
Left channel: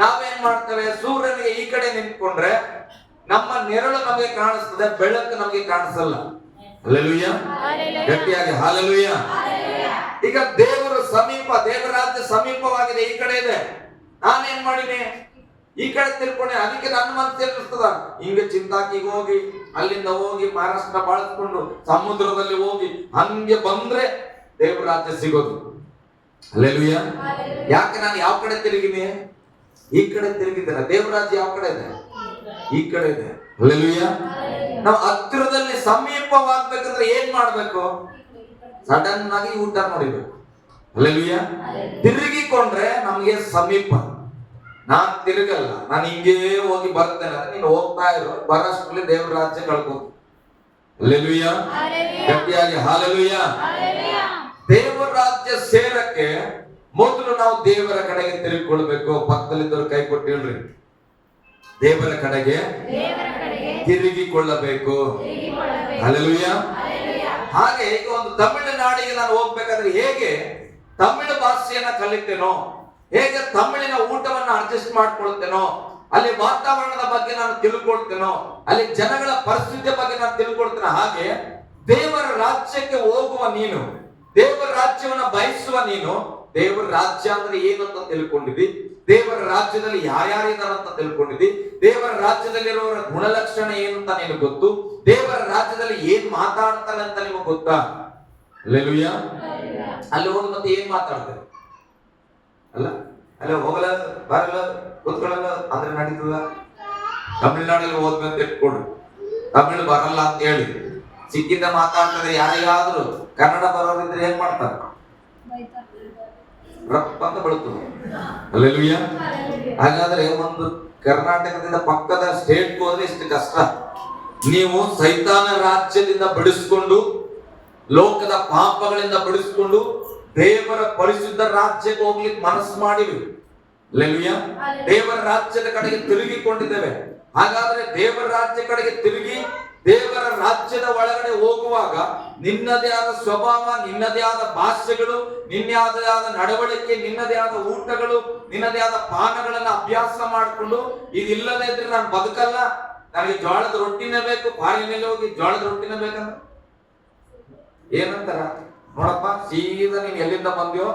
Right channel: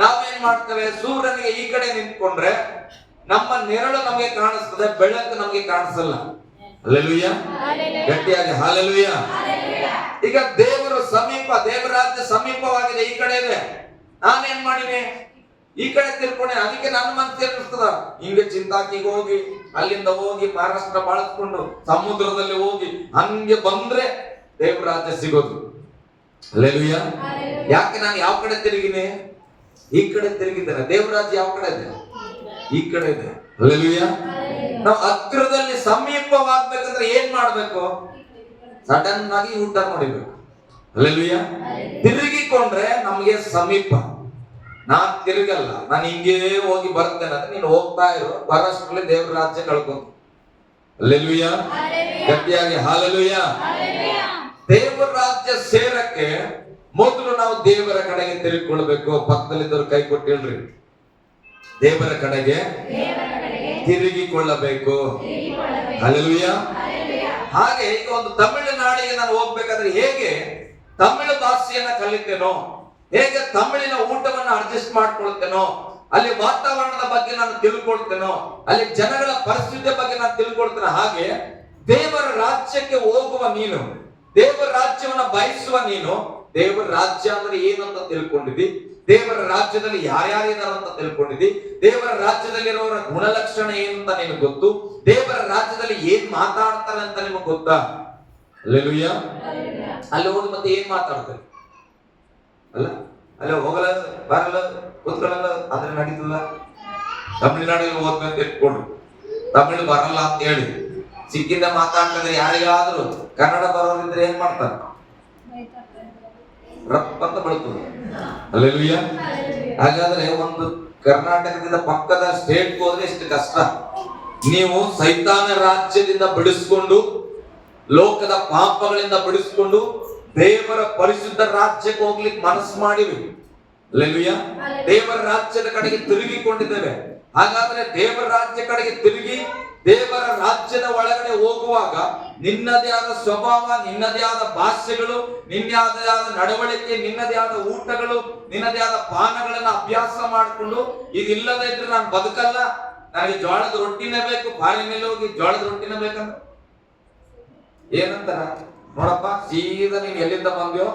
ನಾವೇನ್ ಮಾಡ್ತೇವೆ? ಸೂರ್ಯನಿಗೆ ಈ ಕಡೆ ನಿಂತ್ಕೊಂಡ್ರೆ ನಮ್ಮ ನೆರಳು ನಮಗೆ ಕಾಣಿಸ್ತದೆ, ಬೆಳಕು ನಮಗೆ ಕಾಣಿಸಲ್ಲ. ಹಲ್ಲೆಲೂಯಾ, ಗಟ್ಟಿಯಾಗಿ ಹಲ್ಲೆಲೂಯಾ. ಈಗ ದೇವರು ಸಮೀಪ, ದೇವರ ರಾಜ್ಯ ಸಮೀಪವಾಗಿದೆ, ಈ ಕಡೆ ಇದೆ. ನಾನೇನ್ ಮಾಡಿನಿ? ಈ ಕಡೆ ತಿಳ್ಕೊಂಡೆ. ಅದಕ್ಕೆ ನನ್ನ ಮನಸ್ಸು ಏನಿಸ್ತದ, ಹಿಂಗೆ ಚಿಂತಾಕಿಗೆ ಹೋಗಿ ಅಲ್ಲಿಂದ ಹೋಗಿ ಮಹಾರಾಷ್ಟ್ರ ಬಳಸ್ಕೊಂಡು ಸಮುದ್ರದಲ್ಲಿ ಹೋಗಿ ಹಂಗೆ ಬಂದ್ರೆ ದೇವರ ರಾಜ್ಯ ಸಿಗೋದು. ಹಲ್ಲೆಲೂಯಾ. ಯಾಕೆ ನಾನು ಯಾವ ಕಡೆ ತಿರುಗಿನಿ? ಈ ಕಡೆ ತಿರುಗಿದ್ದೇನೆ. ದೇವರ ರಾಜ್ಯ ಯಾವ ಕಡೆ ಇದೆ? ಈ ಕಡೆ ಇದೆ. ಹಲ್ಲೆಲೂಯಾ. ನಾವು ಹತ್ತಿರದಲ್ಲಿ ಸಮೀಪವಾಗ್ಬೇಕಂದ್ರೆ ಏನ್ ಮಾಡ್ಬೇಕು? ಸಡನ್ ಆಗಿ ಊಟ ನೋಡಿಬೇಕು. ಹಲ್ಲೆಲೂಯಾ. ತಿರುಗಿಕೊಂಡ್ರೆ ನಮ್ಗೆ ಸಮೀಪ. ನಾನ್ ತಿರುಗಲ್ಲ, ನಾನು ಹಿಂಗೇ ಹೋಗಿ ಬರ್ತೇನೆ ಅಂದ್ರೆ ನೀನು ಹೋಗ್ತಾ ಇರೋ, ಬರೋಷ್ಟ್ರಲ್ಲಿ ದೇವರ ರಾಜ್ಯ ಕಳ್ಕೊಂತ. ಹಲ್ಲೆಲೂಯಾ, ಗಟ್ಟಿಯಾಗಿ ಹಲ್ಲೆಲೂಯಾ. ದೇವರ ರಾಜ್ಯ ಸೇರಕ್ಕೆ ಮೊದಲು ನಾವು ದೇವರ ಕಡೆಗೆ ತಿರುಗಿಕೊಳ್ಬೇಕು. ಪಕ್ಕದಲ್ಲಿದ್ದವ್ರು ಕೈ ಕೊಟ್ಟು ಹೇಳ್ರಿ, ದೇವರ ಕಡೆಗೆ ತಿರುಗಿಕೊಳ್ಳಬೇಕು. ಹಲ್ಲೆಲೂಯಾ. ಹಾಗೆ ಈಗ ಒಂದು ತಮಿಳುನಾಡಿಗೆ ನಾನು ಹೋಗ್ಬೇಕಾದ್ರೆ ಹೇಗೆ ತಮಿಳು ಭಾಷೆಯನ್ನ ಕಲಿತೇನೋ, ಹೇಗೆ ತಮಿಳಿನ ಊಟವನ್ನ ಅಡ್ಜಸ್ಟ್ ಮಾಡ್ಕೊಳ್ತೇನೋ, ಅಲ್ಲಿ ವಾತಾವರಣದ ಬಗ್ಗೆ ನಾನು ತಿಳ್ಕೊಳ್ತೇನೋ, ಅಲ್ಲಿ ಜನಗಳ ಪರಿಸ್ಥಿತಿಯ ಬಗ್ಗೆ ನಾನು ತಿಳ್ಕೊಳ್ತೇನೆ, ಹಾಗೆ ದೇವರ ರಾಜ್ಯಕ್ಕೆ ಹೋಗುವ ನೀನು, ದೇವರ ರಾಜ್ಯವನ್ನ ಬಯಸುವ ನೀನು, ದೇವರ ರಾಜ್ಯ ಅಂದ್ರೆ ಏನು ಅಂತ ತಿಳ್ಕೊಂಡಿದ್ದಿ, ದೇವರ ರಾಜ್ಯದಲ್ಲಿ ಯಾರ್ಯಾರಿದ್ದಾರೆ ಅಂತ ತಿಳ್ಕೊಂಡಿದ್ದಿ, ದೇವರ ರಾಜ್ಯದಲ್ಲಿರುವವರ ಗುಣಲಕ್ಷಣ ಏನು ಅಂತ ನಿನಗೆ ಗೊತ್ತು, ದೇವರ ರಾಜ್ಯದಲ್ಲಿ ಏನ್ ಮಾತಾಡ್ತಾರೆ ಅಂತ ನಿಮಗೆ ಗೊತ್ತಾ? ಹಲ್ಲೆಲೂಯಾ. ಅಲ್ಲಿ ಹೋಗಿ ಮತ್ತೆ ಏನ್ ಮಾತಾಡ್ತಾರೆ? ಅಲ್ಲ ಅಲ್ಲಿ ಹೋಗಲ್ಲ, ಬರಲ್ಲ, ಕೂತ್ಕೊಳ್ಳಲ್ಲ ಅಂದ್ರೆ ನಡೀತದ? ತಮಿಳ್ನಾಡಲ್ಲಿ ಹೋಗ್ಬೇಕಂತ ಇಟ್ಕೊಡ್ರಿ, ತಮಿಳು ಬರಲ್ಲ ಅಂತ ಹೇಳಿ ಸಿಕ್ಕಿಂದ ಮಾತಾಡ್ತಾರೆ. ಯಾರಿಗಾದ್ರೂ ಕನ್ನಡ ಬರೋದಿದ್ರೆ ಏನ್ ಮಾಡ್ತಾರೆ? ರಪ್ಪ ಅಂತ ಬೆಳತದೆ. ಹಲ್ಲೆಲೂಯಾ. ಹಾಗಾದ್ರೆ ಒಂದು ಕರ್ನಾಟಕದಿಂದ ಪಕ್ಕದ ಸ್ಟೇಟ್ ಹೋದ್ರೆ ಇಷ್ಟು ಕಷ್ಟ. ನೀವು ಸೈತಾನ ರಾಜ್ಯದಿಂದ ಬಿಡಿಸ್ಕೊಂಡು, ಲೋಕದ ಪಾಪಗಳಿಂದ ಬಿಡಿಸ್ಕೊಂಡು ದೇವರ ಪರಿಶುದ್ಧ ರಾಜ್ಯಕ್ಕೆ ಹೋಗ್ಲಿಕ್ಕೆ ಮನಸ್ಸು ಮಾಡಿವಿ. ಹಲ್ಲೆಲೂಯಾ. ದೇವರ ರಾಜ್ಯದ ಕಡೆಗೆ ತಿರುಗಿಕೊಂಡಿದ್ದೇವೆ. ಹಾಗಾದ್ರೆ ದೇವರ ರಾಜ್ಯ ಕಡೆಗೆ ತಿರುಗಿ ದೇವರ ರಾಜ್ಯದ ಒಳಗಡೆ ಹೋಗುವಾಗ ನಿನ್ನದೇ ಆದ ಸ್ವಭಾವ, ನಿನ್ನದೇ ಆದ ಭಾಷೆಗಳು, ನಿನ್ನದೇ ಆದ ನಡವಳಿಕೆ, ನಿನ್ನದೇ ಆದ ಊಟಗಳು, ನಿನ್ನದೇ ಆದ ಪಾನಗಳನ್ನ ಅಭ್ಯಾಸ ಮಾಡಿಕೊಂಡು, ಇದಿಲ್ಲದೆ ಇದ್ರೆ ನಾನು ಬದುಕಲ್ಲ, ನನಗೆ ಜೋಳದ ರೊಟ್ಟಿನೇ ಬೇಕು, ಬಾರಿ ಮೇಲೆ ಹೋಗಿ ಜೋಳದ ರೊಟ್ಟಿನೇ ಬೇಕಂದ್ರೆ ಏನಂತಾರ? ನೋಡಪ್ಪ, ಸೀದಾ ನೀನ್ ಎಲ್ಲಿಂದ ಬಂದ್ಯೋ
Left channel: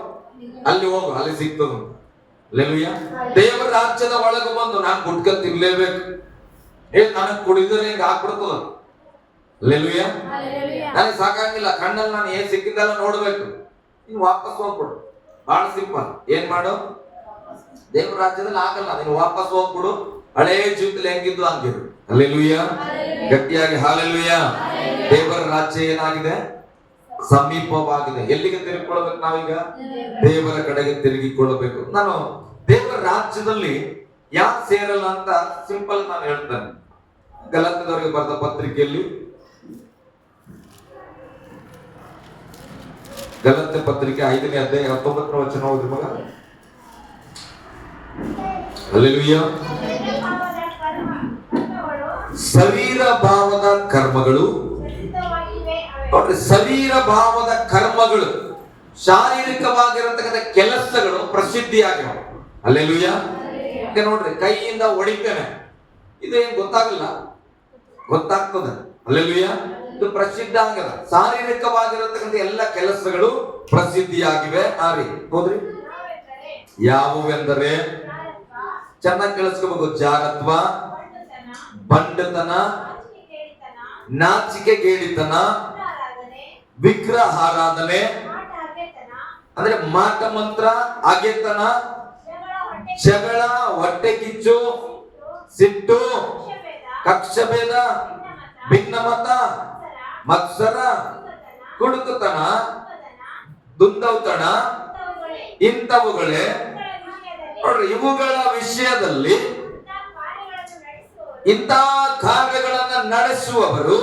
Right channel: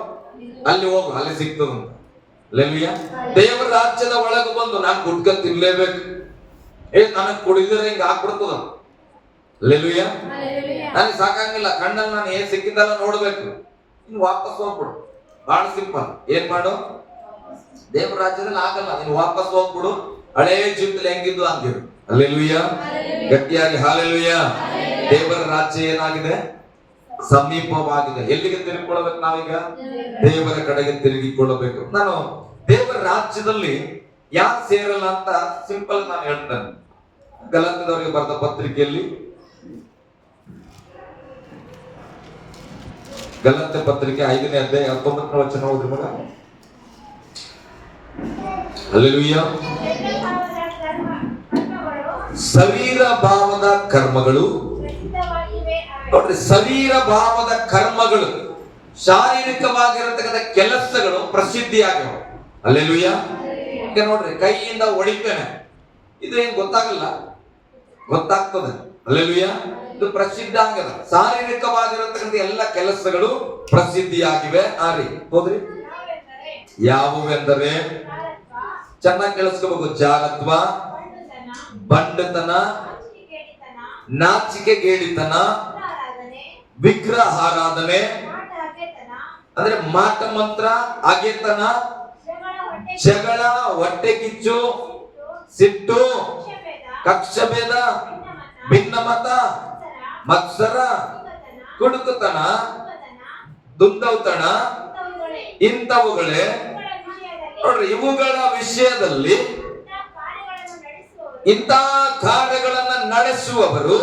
ಅಲ್ಲಿ ಹೋಗು, ಅಲ್ಲಿ ಸಿಗ್ತದ. ಹಲ್ಲೆಲೂಯಾ. ದೇವರ ರಾಜ್ಯದ ಒಳಗೆ ಬಂದು ನಾನು ಗುಟ್ಕ ತಿನ್ಲೇಬೇಕು, ನನಗೆ ಕುಡಿದ್ರೆ ಹಿಂಗ ಹಾಕ್ಬಿಡ್ತದ. ಹಲ್ಲೆಲೂಯಾ. ನನಗೆ ಸಾಕಾಗಿಲ್ಲ, ಕಣ್ಣಲ್ಲಿ ನಾನು ಏನ್ ಸಿಕ್ಕಿದ್ದಲ್ಲ ನೋಡ್ಬೇಕು, ನೀನ್ ವಾಪಸ್ ಹೋಗ್ಬಿಡು. ಬಹಳ ಸಿಂಪಲ್. ಏನ್ ಮಾಡು? ದೇವರ ರಾಜ್ಯದಲ್ಲಿ ಆಗಲ್ಲ, ನೀನು ವಾಪಸ್ ಹೋಗ್ಬಿಡು, ಹಳೇ ಜೀವಿತದಲ್ಲಿ ಹೆಂಗಿದ್ದು ಹಂಗಿರು. ಹಲ್ಲೆಲೂಯಾ, ಗಟ್ಟಿಯಾಗಿ ಹಲ್ಲೆಲೂಯಾ. ದೇವರ ರಾಜ್ಯ ಏನಾಗಿದೆ? ಸಮೀಪವಾಗಿದೆ. ಎಲ್ಲಿಗೆ ತಿರುಗಿಕೊಳ್ಳಬೇಕು ನಾವೀಗ? ದೇವರ ಕಡೆಗೆ ತಿರುಗಿಕೊಳ್ಳಬೇಕು. ನಾನು ದೇವರ ರಾಜ್ಯದಲ್ಲಿ ಯಾಕೆ ಸೇರಲ್ಲ ಅಂತ ಸಿಂಪಲ್ ನಾನು ಹೇಳ್ತೇನೆ. ಗಲಾತ್ಯದವರಿಗೆ ಬರೆದ ಪತ್ರಿಕೆಯಲ್ಲಿ, ಗಲಾತ್ಯ ಪತ್ರಿಕೆ 5ನೇ ಅಧ್ಯಾಯ 19ನೇ ವಚನ ಓದ್ರಿ ಮಗ. ಹಲ್ಲೆಲೂಯಾ. ಶರೀರ ಭಾವದ ಕರ್ಮಗಳು, ನೋಡ್ರಿ, ಶರೀರ ಭಾವದ ಕರ್ಮಗಳು, ಶಾರೀರಿಕವಾಗಿರತಕ್ಕಂಥ ಕೆಲಸಗಳು ಪ್ರಸಿದ್ಧಿಯಾಗಿವೆ. ಹಲ್ಲೆಲೂಯಾ. ನೋಡ್ರಿ, ಕೈಯಿಂದ ಹೊಡಿತೇನೆ, ಇದು ಏನ್ ಗೊತ್ತಾಗಲ್ಲ, ಗೊತ್ತಾಗ್ತದೆ. ಹಲ್ಲೆಲೂಯಾ. ಇದು ಪ್ರಸಿದ್ಧ ಆಗಲ್ಲ. ಶಾರೀರಿಕವಾಗಿರತಕ್ಕಂಥ ಎಲ್ಲ ಕೆಲಸಗಳು ಪ್ರಸಿದ್ಧಿಯಾಗಿವೆ. ಆರಿ ಹೋದ್ರಿ, ಯಾವುವೆಂದರೆ, ಚೆನ್ನಾಗಿ ಕೇಳಿಸ್ಕೋಬೇಕು, ಜಾರತ್ವ, ಬಂಡತನ, ನಾಚಿಕೆಗೇಡಿತನ, ವಿಗ್ರಹಾರಾಧನೆ ಅಂದ್ರೆ ಮಾಟ ಮಂತ್ರ, ಅಗೆತನ, ಜಗಳ, ಹೊಟ್ಟೆ ಕಿಚ್ಚು, ಸಿಟ್ಟು, ಕಕ್ಷಭೇದ, ಭಿನ್ನಮತ, ಮತ್ಸರ, ಕುಡುಕುತನ, ದುಂದೌತಣ ಇಂಥವುಗಳೇ. ನೋಡ್ರಿ, ಇವುಗಳ ವಿಷಯದಲ್ಲಿ ಇಂಥ ಕಾರ್ಯಗಳನ್ನು ನಡೆಸುವವರು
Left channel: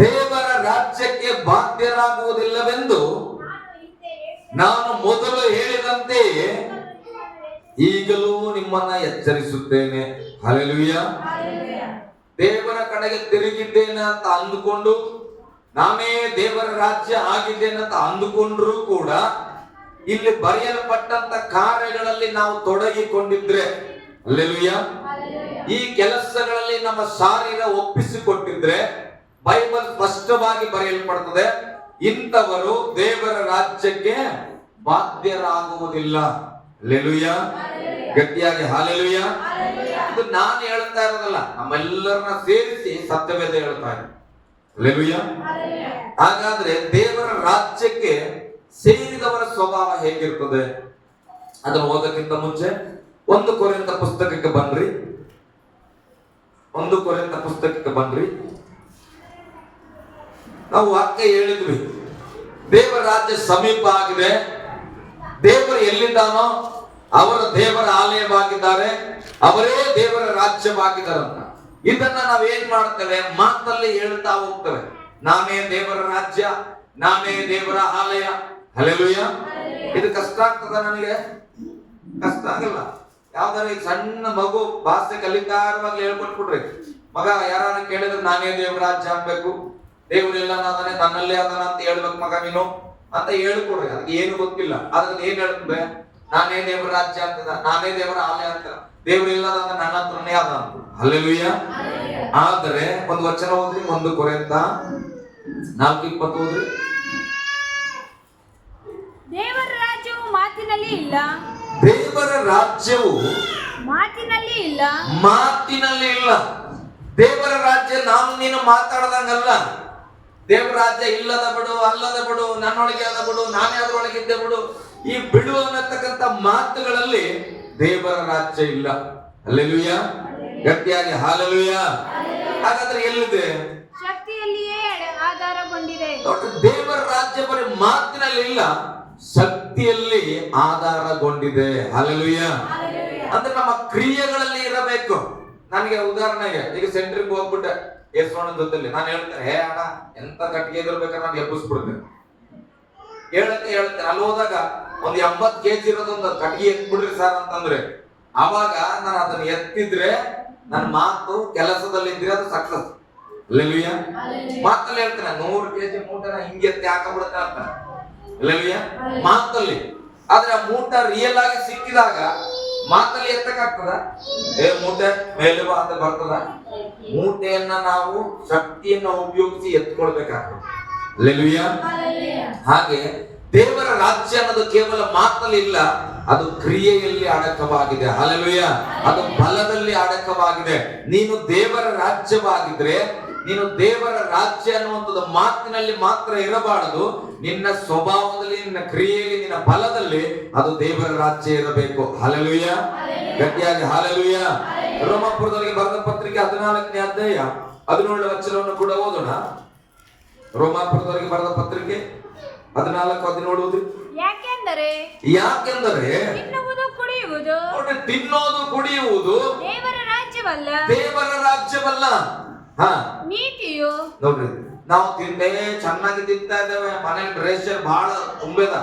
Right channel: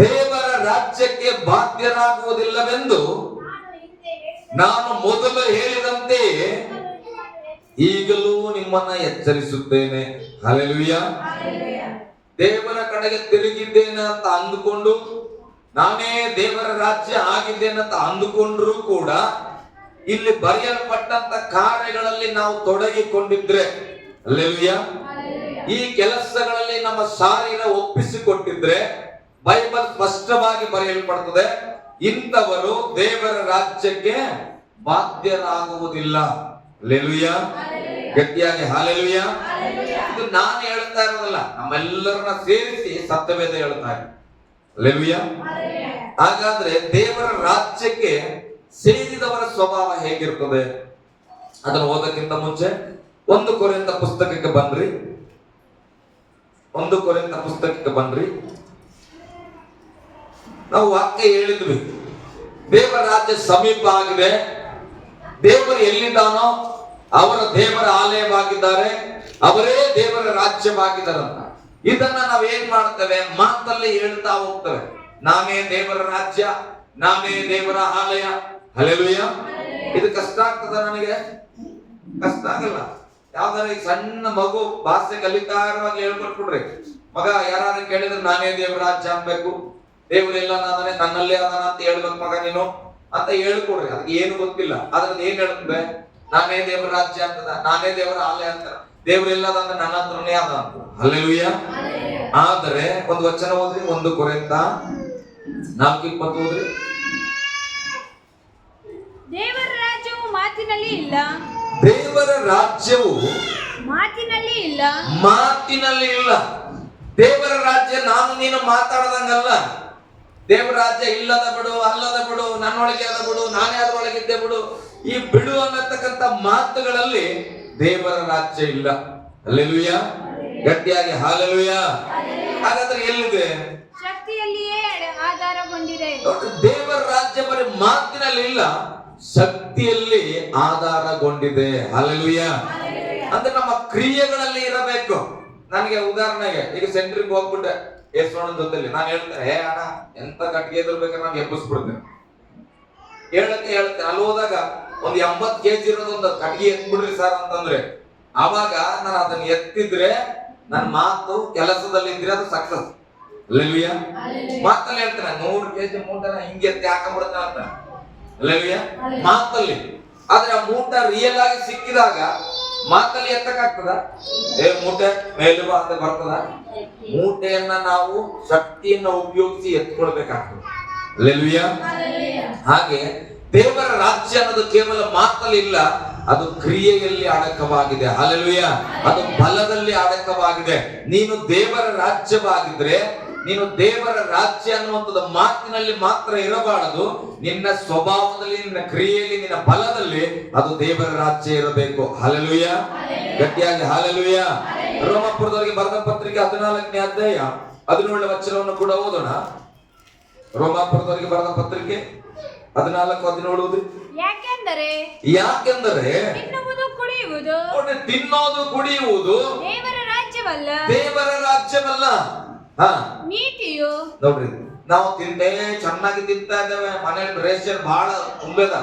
ದೇವರ ರಾಜ್ಯಕ್ಕೆ ಬಾಧ್ಯರಾಗುವುದಿಲ್ಲವೆಂದು ನಾನು ಮೊದಲು ಹೇಳಿದಂತೆಯೇ ಈಗಲೂ ನಿಮ್ಮನ್ನ ಎಚ್ಚರಿಸುತ್ತೇನೆ. ಹಲ್ಲೆಲೂಯಾ. ದೇವರ ಕಡೆಗೆ ತಿರುಗಿದ್ದೇನೆ ಅಂತ ಅಂದುಕೊಂಡು, ನಾನೇ ದೇವರ ರಾಜ್ಯ ಆಗಿದ್ದೇನೆ ಅಂತ ಅಂದುಕೊಂಡ್ರೂ ಕೂಡ ಇಲ್ಲಿ ಬರೆಯಲ್ಪಟ್ಟಂತ ಕಾರ್ಯಗಳಲ್ಲಿ ನಾವು ತೊಡಗಿಕೊಂಡಿದ್ರೆ, ಹಲ್ಲೆಲೂಯಾ, ಈ ಕೆಲಸಗಳಲ್ಲಿ ನಮ್ಮ ಶಾರೀರ ಒಪ್ಪಿಸಿಕೊಟ್ಟಿದ್ರೆ ಬೈಬಲ್ ಸ್ಪಷ್ಟವಾಗಿ ಬರೆಯಲ್ಪಡುತ್ತದೆ, ಇಂಥವರು ದೇವರ ರಾಜ್ಯಕ್ಕೆ ಬಾಧ್ಯರಾಗುವುದಿಲ್ಲ. ಹಲ್ಲೆಲೂಯಾ. ಗಟ್ಟಿಯಾಗಿ ಹಲ್ಲೆಲೂಯಾ. ಇದು ನಾನು ಹೇಳ್ತಾ ಇರೋದಲ್ಲ, ನಮ್ಮೆಲ್ಲರನ್ನ ಸೇರಿಸಿ ಸತ್ಯವೇದ ಹೇಳ್ತಾ ಇದೆ. ಹಲ್ಲೆಲೂಯಾ. ಹಾಗಾದ್ರೆ ದೇವರ ರಾಜ್ಯಕ್ಕೆ ಸೇರಿದವರ ಸ್ವಭಾವ ಹೇಗಿರ್ತದೆ ಅದನ್ನು ಓದಕ್ಕಿಂತ ಮುಂಚೆ 1 ಕೊರಿಂಥ ಪುಸ್ತಕಕ್ಕೆ ಬನ್ರಿ. 1 ಕೊರಿಂಥ ಪುಸ್ತಕಕ್ಕೆ ಬನ್ರಿ. ನಾವು ವಾಕ್ಯ ಹೇಳಿದ್ವಿ, ದೇವರ ರಾಜ್ಯ ಸಮೀಪ ಆಗಿದೆ, ದೇವರು ಎಲ್ಲಿದ್ದಾನೋ ಅವರ ದೇವರ ಆಲಯವಾಗಿದ್ದಾರೆ, ಅವರೇ ದೇವರ ರಾಜ್ಯವಾಗಿದ್ದಾರಂತ. ಇದನ್ನ ನಾವು ಏನ್ ಮಾಡ್ತೇವೆ, ಮಾತಲ್ಲಿ ಹೇಳ್ತಾ ಹೋಗ್ತೇವೆ, ನಾನೇ ದೇವರ ರಾಜ್ಯ, ನಾನೇ ದೇವರ ಆಲಯ. ಹಲ್ಲೆಲೂಯಾ. ಇದು ಕಷ್ಟ ಆಗ್ತದ? ನನಗೆ ಕಷ್ಟ ಆಗಲ್ಲ. ಯಾವ್ದಾರ ಸಣ್ಣ ಮಗು ಭಾಷೆ ಕಲಿತಾ ಇರುವಾಗ ಹೇಳ್ಕೊಟ್ಬಿಡ್ರಿ, ಮಗ ಯಾರು ಕೇಳಿದ್ರೆ ನಾನೇ ದೇವರ ರಾಜ್ಯ ಅನ್ಬೇಕು, ದೇವರೆಲ್ಲ ನಾನೇ ನನ್ನಲ್ಲೇ ಅದಾನ ಅಂತ ಹೇಳ್ಬೇಕು ಮಗ ನೀನು ಅಂತ ಹೇಳ್ಕೊಡ್ರಿ. ಅದಕ್ಕೆ ಏನು ಗೊತ್ತಿಲ್ಲ, ಅದ್ರಲ್ಲಿ ಏನ್ ಹೇಳ್ತದೆ, ನಾನೇ ದೇವರ ರಾಜ್ಯ ಅಂತದ, ನಾನೇ ದೇವರ ಆಲಯ ಅಂತ, ದೇವರೆಲ್ಲದ ಅಂದ್ರೆ ನನ್ನ ಹತ್ರನೇ ಅದ ಅಂತ. ಹಲ್ಲೆಲೂಯಾ. ಆದರೆ ಒಂದು ವಚನ ಓದ್ರಿ, 1 ಕೊರಿಂಥ 4:20 ಓದ್ರಿ. ದೇವರ ರಾಜ್ಯವು ಮಾತಿನಲ್ಲಿ ಇಲ್ಲ, ದೇವರ ರಾಜ್ಯವು ಮಾತಿನಲ್ಲಿ ಇಲ್ಲ, ಮಾತಿನಲ್ಲಿ ಇಲ್ಲ. ದೇವರ ರಾಜ್ಯ ನಾನು ನೀನು ಮಾತಾಡದಂಗಲ್ಲ. ದೇವರ ರಾಜ್ಯ ಇಲ್ಲದ ಬಿಡು, ಅಲ್ಲದ ಬಿಡು, ನನ್ನೊಳಗೆ ಅದ ಬಿಡು, ನಾನೇ ಅದರೊಳಗಿದ್ದೆ ಬಿಡು, ಈ ಬಿಡು ಅನ್ನತಕ್ಕಂಥ ಮಾತುಗಳಲ್ಲಿ ದೇವರ ರಾಜ್ಯ ಇಲ್ಲ. ಹಲ್ಲೆಲೂಯಾ. ಗಟ್ಟಿಯಾಗಿ ಹಲ್ಲೆಲೂಯಾ. ಹಾಗಾದ್ರೆ ಎಲ್ಲಿದೆ? ಶಕ್ತಿಯಲ್ಲಿಯೇ ಆಧಾರಗೊಂಡಿದೆ. ದೇವರ ರಾಜ್ಯ ಬರೀ ಮಾತಿನಲ್ಲಿ ಇಲ್ಲ, ಶಕ್ತಿಯಲ್ಲಿ ಆಧಾರಗೊಂಡಿದೆ. ಹಲ್ಲೆಲೂಯಾ. ಅಂದ್ರೆ ನಮ್ಮ ಕ್ರಿಯೆಗಳಲ್ಲಿ ಇರಬೇಕು. ನನಗೆ ಉದಾಹರಣೆಗೆ ಈಗ ಸೆಂಟ್ರಿಗೆ ಹೋಗ್ಬಿಟ್ಟೆ ಯೇಸುವಣ್ಣನ ಜೊತೆಲಿ, ನಾನು ಹೇಳ್ತೇನೆ, ಹೇ ಅಣ್ಣ ಎಂತ ಕಟ್ಟಿಗೆ ಎದುರ್ಬೇಕಾದ್ರೆ ನಾನು ಎಬ್ಬಿಸ್ಬಿಡ್ತೇನೆ, ಹೇಳ್ತೇನೆ. ಅಲ್ಲಿ ಹೋದಾಗ ಒಂದು 80 kg ಇರೋದೊಂದು ಕಟ್ಟಿಗೆ ಎತ್ಬಿಡ್ರಿ ಸರ್ ಅಂತಂದ್ರೆ, ಅವಾಗ ನಾನು ಅದನ್ನ ಎತ್ತಿದ್ರೆ ನನ್ನ ಮಾತು ಕೆಲಸದಲ್ಲಿ ಇದ್ರೆ ಅದು ಸಕ್ಸಸ್. ಹಲ್ಲೆಲೂಯಾ. ಮಾತಲ್ಲಿ ಹೇಳ್ತೇನೆ 100 kg ಮೂಟನ ಹಿಂಗೆ ಎತ್ತಿ ಹಾಕೊಂಡ್ಬಿಡ್ತೇನೆ ಅಂತ. ಹಲ್ಲೆಲೂಯಾ. ಮಾತಲ್ಲಿ. ಆದ್ರೆ ಆ ಮೂಟ ರಿಯಲ್ ಆಗಿ ಸಿಕ್ಕಿದಾಗ ಮಾತಲ್ಲಿ ಎತ್ತಕ್ಕಾಗ್ತದ? ಮೂಟೆ ಮೇಲೆ ಬಾ ಅಂತ ಬರ್ತದ? ಮೂಟೆಯನ್ನ ನಾವು ಶಕ್ತಿಯನ್ನ ಉಪಯೋಗಿಸಿ ಎತ್ಕೊಳ್ಬೇಕಾಗ್ತದೆ. ಹಲ್ಲೆಲೂಯಾ. ಹಾಗೆ ದೇವರ ರಾಜ್ಯ ಅನ್ನೋದು ಕೇವಲ ಮಾತಲ್ಲಿ ಇಲ್ಲ, ಅದು ಕ್ರಿಯೆಯಲ್ಲಿ ಅಡಕವಾಗಿದೆ. ಹಲ್ಲೆಲೂಯಾ. ಅದು ಬಲದಲ್ಲಿ ಅಡಕವಾಗಿದೆ. ನೀನು ದೇವರ ರಾಜ್ಯವಾಗಿದ್ರೆ, ನೀನು ದೇವರ ರಾಜ್ಯ ಅನ್ನುವಂಥದ್ದು ಮಾತಿನಲ್ಲಿ ಮಾತ್ರ ಇರಬಾರದು, ನಿನ್ನ ಸ್ವಭಾವದಲ್ಲಿ, ನಿನ್ನ ಕ್ರಿಯೆಯಲ್ಲಿ, ನಿನ್ನ ಬಲದಲ್ಲಿ ಅದು ದೇವರ ರಾಜ್ಯ ಇರಬೇಕು. ಹಲ್ಲೆಲೂಯಾ. ಗಟ್ಟಿಯಾಗಿ ಹಲ್ಲೆಲೂಯಾ. ರೋಮಾಪುರದವರಿಗೆ ಬರೆದ ಪತ್ರಿಕೆ 14ನೇ ಅಧ್ಯಾಯ 17ನೇ ವಚನವನ್ನು ಕೂಡ ಓದೋಣ. ರೋಮಾಪುರದವರಿಗೆ ಬರೆದ ಪತ್ರಿಕೆ 14:17. ಯಾಕೆಂದರೆ ತಿನ್ನೋದು ಕುಡಿಯುವುದು ದೇವರ ರಾಜ್ಯವಲ್ಲ, ದೇವರ ರಾಜ್ಯವಲ್ಲ. ನೀತಿಯು. ನೋಡ್ರಿ, ನಾವು ತಿಂದೇ ಚೆನ್ನಾಗಿ ತಿಂತಾ ಇದ್ದೇವೆ, ಮನೇಲಿ ರೇಷನ್ ಬಹಳ ತುಂಬದ.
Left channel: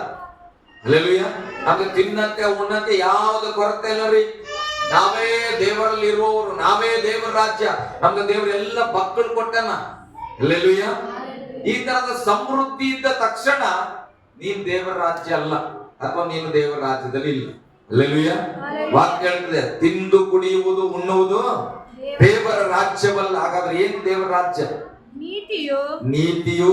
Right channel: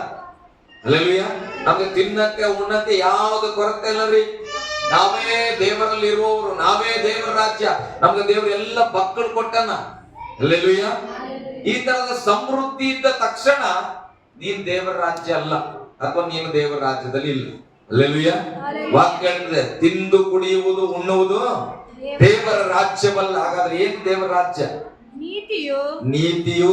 ಹಲ್ಲೆಲೂಯಾ. ನಮ್ಗೆ ತಿನ್ನಕ್ಕೆ ಉಣ್ಣಕ್ಕೆ ಯಾವ್ದು ಕೊರತೆ ಇಲ್ಲ ರೀ. ನಾವೇ ದೇವರಲ್ಲಿ ಇರುವವರು, ನಾವೇ ದೇವರ ರಾಜ್ಯ, ನಮ್ಗೆ ದೇವರು ಎಲ್ಲ ಮಕ್ಕಳು ಕೊಟ್ಟನ. ಹಲ್ಲೆಲೂಯಾ. ಈ ತರದ ಸಮೃದ್ಧಿ ಇದ್ದ ತಕ್ಷಣ ನೀನ್ ದೇವರ ರಾಜ್ಯ ಅಲ್ಲ, ಅಥವಾ ನೀನು ದೇವರ ರಾಜ್ಯದಲ್ಲಿ ಇಲ್ಲ. ಹಲ್ಲೆಲೂಯಾ. ವಾಕ್ಯ ಹೇಳ್ತದೆ, ತಿಂದು ಕುಡಿಯುವುದು ಉಣ್ಣುವುದು ದೇವರ ರಾಜ್ಯವಲ್ಲ. ಹಾಗಾದ್ರೆ ಏನ್ ದೇವರ ರಾಜ್ಯ? ನೀತಿಯು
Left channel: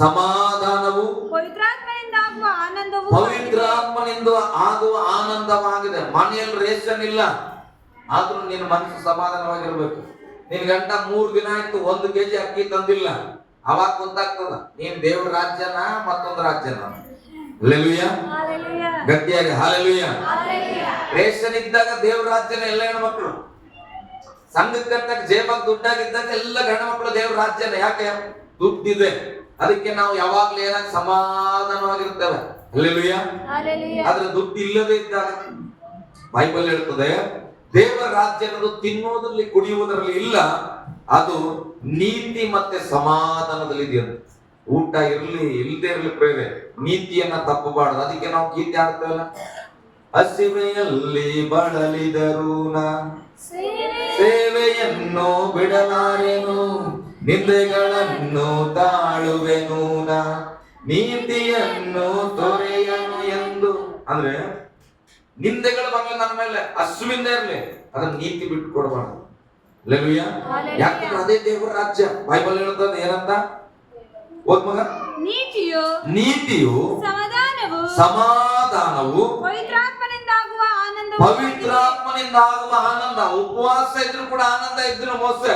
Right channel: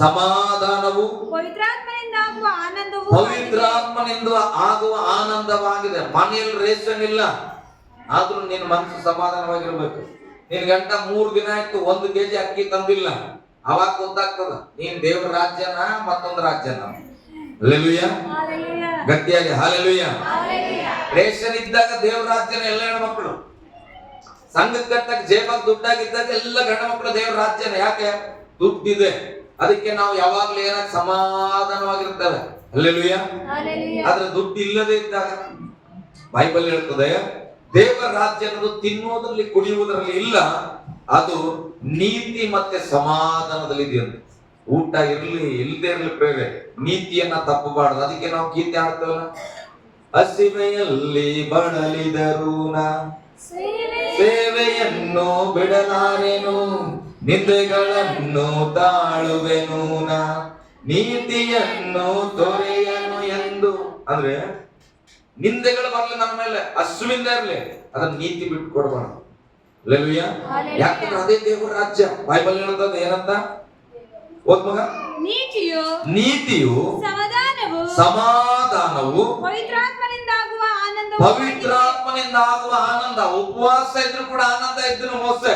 ಸಮಾಧಾನವು ಪವಿತ್ರಾತ್ಮನಿಂದ ಆಗುವ ಆನಂದವಾಗಿದೆ. ಮನೆಯಲ್ಲಿ ರೇಷನ್ ಇಲ್ಲ, ಆದ್ರೂ ನಿನ್ನ ಮನಸ್ಸು ಸಮಾಧಾನವಾಗಿರ್ಬೇಕು. ನಿನ್ ಗಂಟ 3 ದಿನ ಆಯ್ತು 1 kg ಅಕ್ಕಿ ತಂದಿಲ್ಲ, ಅವಾಗ ಗೊತ್ತಾಗ್ತದ ನೀನ್ ದೇವರ ರಾಜ್ಯನ ಮತ್ತೊಂದು ರಾಜ್ಯನ. ಹಲ್ಲೆಲೂಯಾ. ಗಟ್ಟಿಯಾಗಿ ಹಲ್ಲೆಲೂಯಾ. ರೇಷನ್ ಇದ್ದಾಗ ದೇವರ ರಾಜ್ಯನ ಎಲ್ಲ ಹೆಣ್ಮಕ್ಳು, ಸಂಘಕ್ಕೆ ಕಟ್ಟಕ್ಕೆ ಜೇಬಾಗ ದುಡ್ಡಾಗಿದ್ದಾಗ ಎಲ್ಲ ಗಂಡ ಮಕ್ಕಳು ದೇವರ ರಾಜ್ಯನ. ಯಾಕೆ? ದುಡ್ಡಿದೆ, ಅದಕ್ಕೆ ನಾವು ಯಾವಾಗ್ಲೂ ಏನಾಗಿ ಸಮಾಧಾನವಾಗಿರ್ತೇವೆ. ಹಲ್ಲೆಲೂಯಾ. ಆದ್ರೆ ದುಡ್ಡು ಇಲ್ಲದೆ ಇದ್ದಾಗ ಬೈಬಲ್ ಹೇಳ್ತದೆ, ದೇವರ ರಾಜ್ಯ ಅನ್ನೋದು ತಿನ್ನುವುದರಲ್ಲಿ ಕುಡಿಯುವುದರಲ್ಲಿ ಇಲ್ಲ, ಅದು ನೀತಿ ಮತ್ತೆ ಸಮಾಧಾನದಲ್ಲಿ ಇದೆಯಂತೆ. ಊಟ ಇರ್ಲಿ ಇಲ್ಲದೆ ಇರ್ಲಿ ಪ್ರೇರೆ, ನೀತಿಯನ್ನ ತಪ್ಪಬಾರದು. ಅದಕ್ಕೆ ನಾವು ಗೀತೆ ಆಡ್ತೇವಲ್ಲ, ಹಸಿವೆಯಲ್ಲಿ ಬಳಲಿದರೂನ ಸೇವೆಯನ್ನು ಬಿಡಲಾರೆನು, ನಿಂದೆಗಳನ್ನು ತಾಳುವೆನೂನ, ನೀತಿಯನ್ನು ತೊರೆಯನು ಎಂದು. ಅಂದ್ರೆ ನಿಂದೆಗಳು ಬರಲಿ ನನ್ನ ಮೇಲೆ, ಹಸುವಿಂದ ಇರ್ಲಿ, ಅದನ್ನ ನೀತಿ ಬಿಟ್ಟು ಕೊಡಬಾರ್ದು. ಹಲ್ಲೆಲೂಯಾ. ಯಾಕಂದ್ರೆ ಅದೇ ದೇವರ ರಾಜ್ಯ. ಬೈಬಲ್ ಹೇಳುತ್ತದೆ ಏನಂತ ಓದ್ ಮಗ, ನೀತಿಯು ಸಮಾಧಾನವು ಪವಿತ್ರಾತ್ಮನಿಂದ ಆಗುವ ಆನಂದ. ಉಪವಾಸ ಇದ್ರು ಕೂಡ ಆನಂದ ಇದ್ರು. ಮೋಸೆ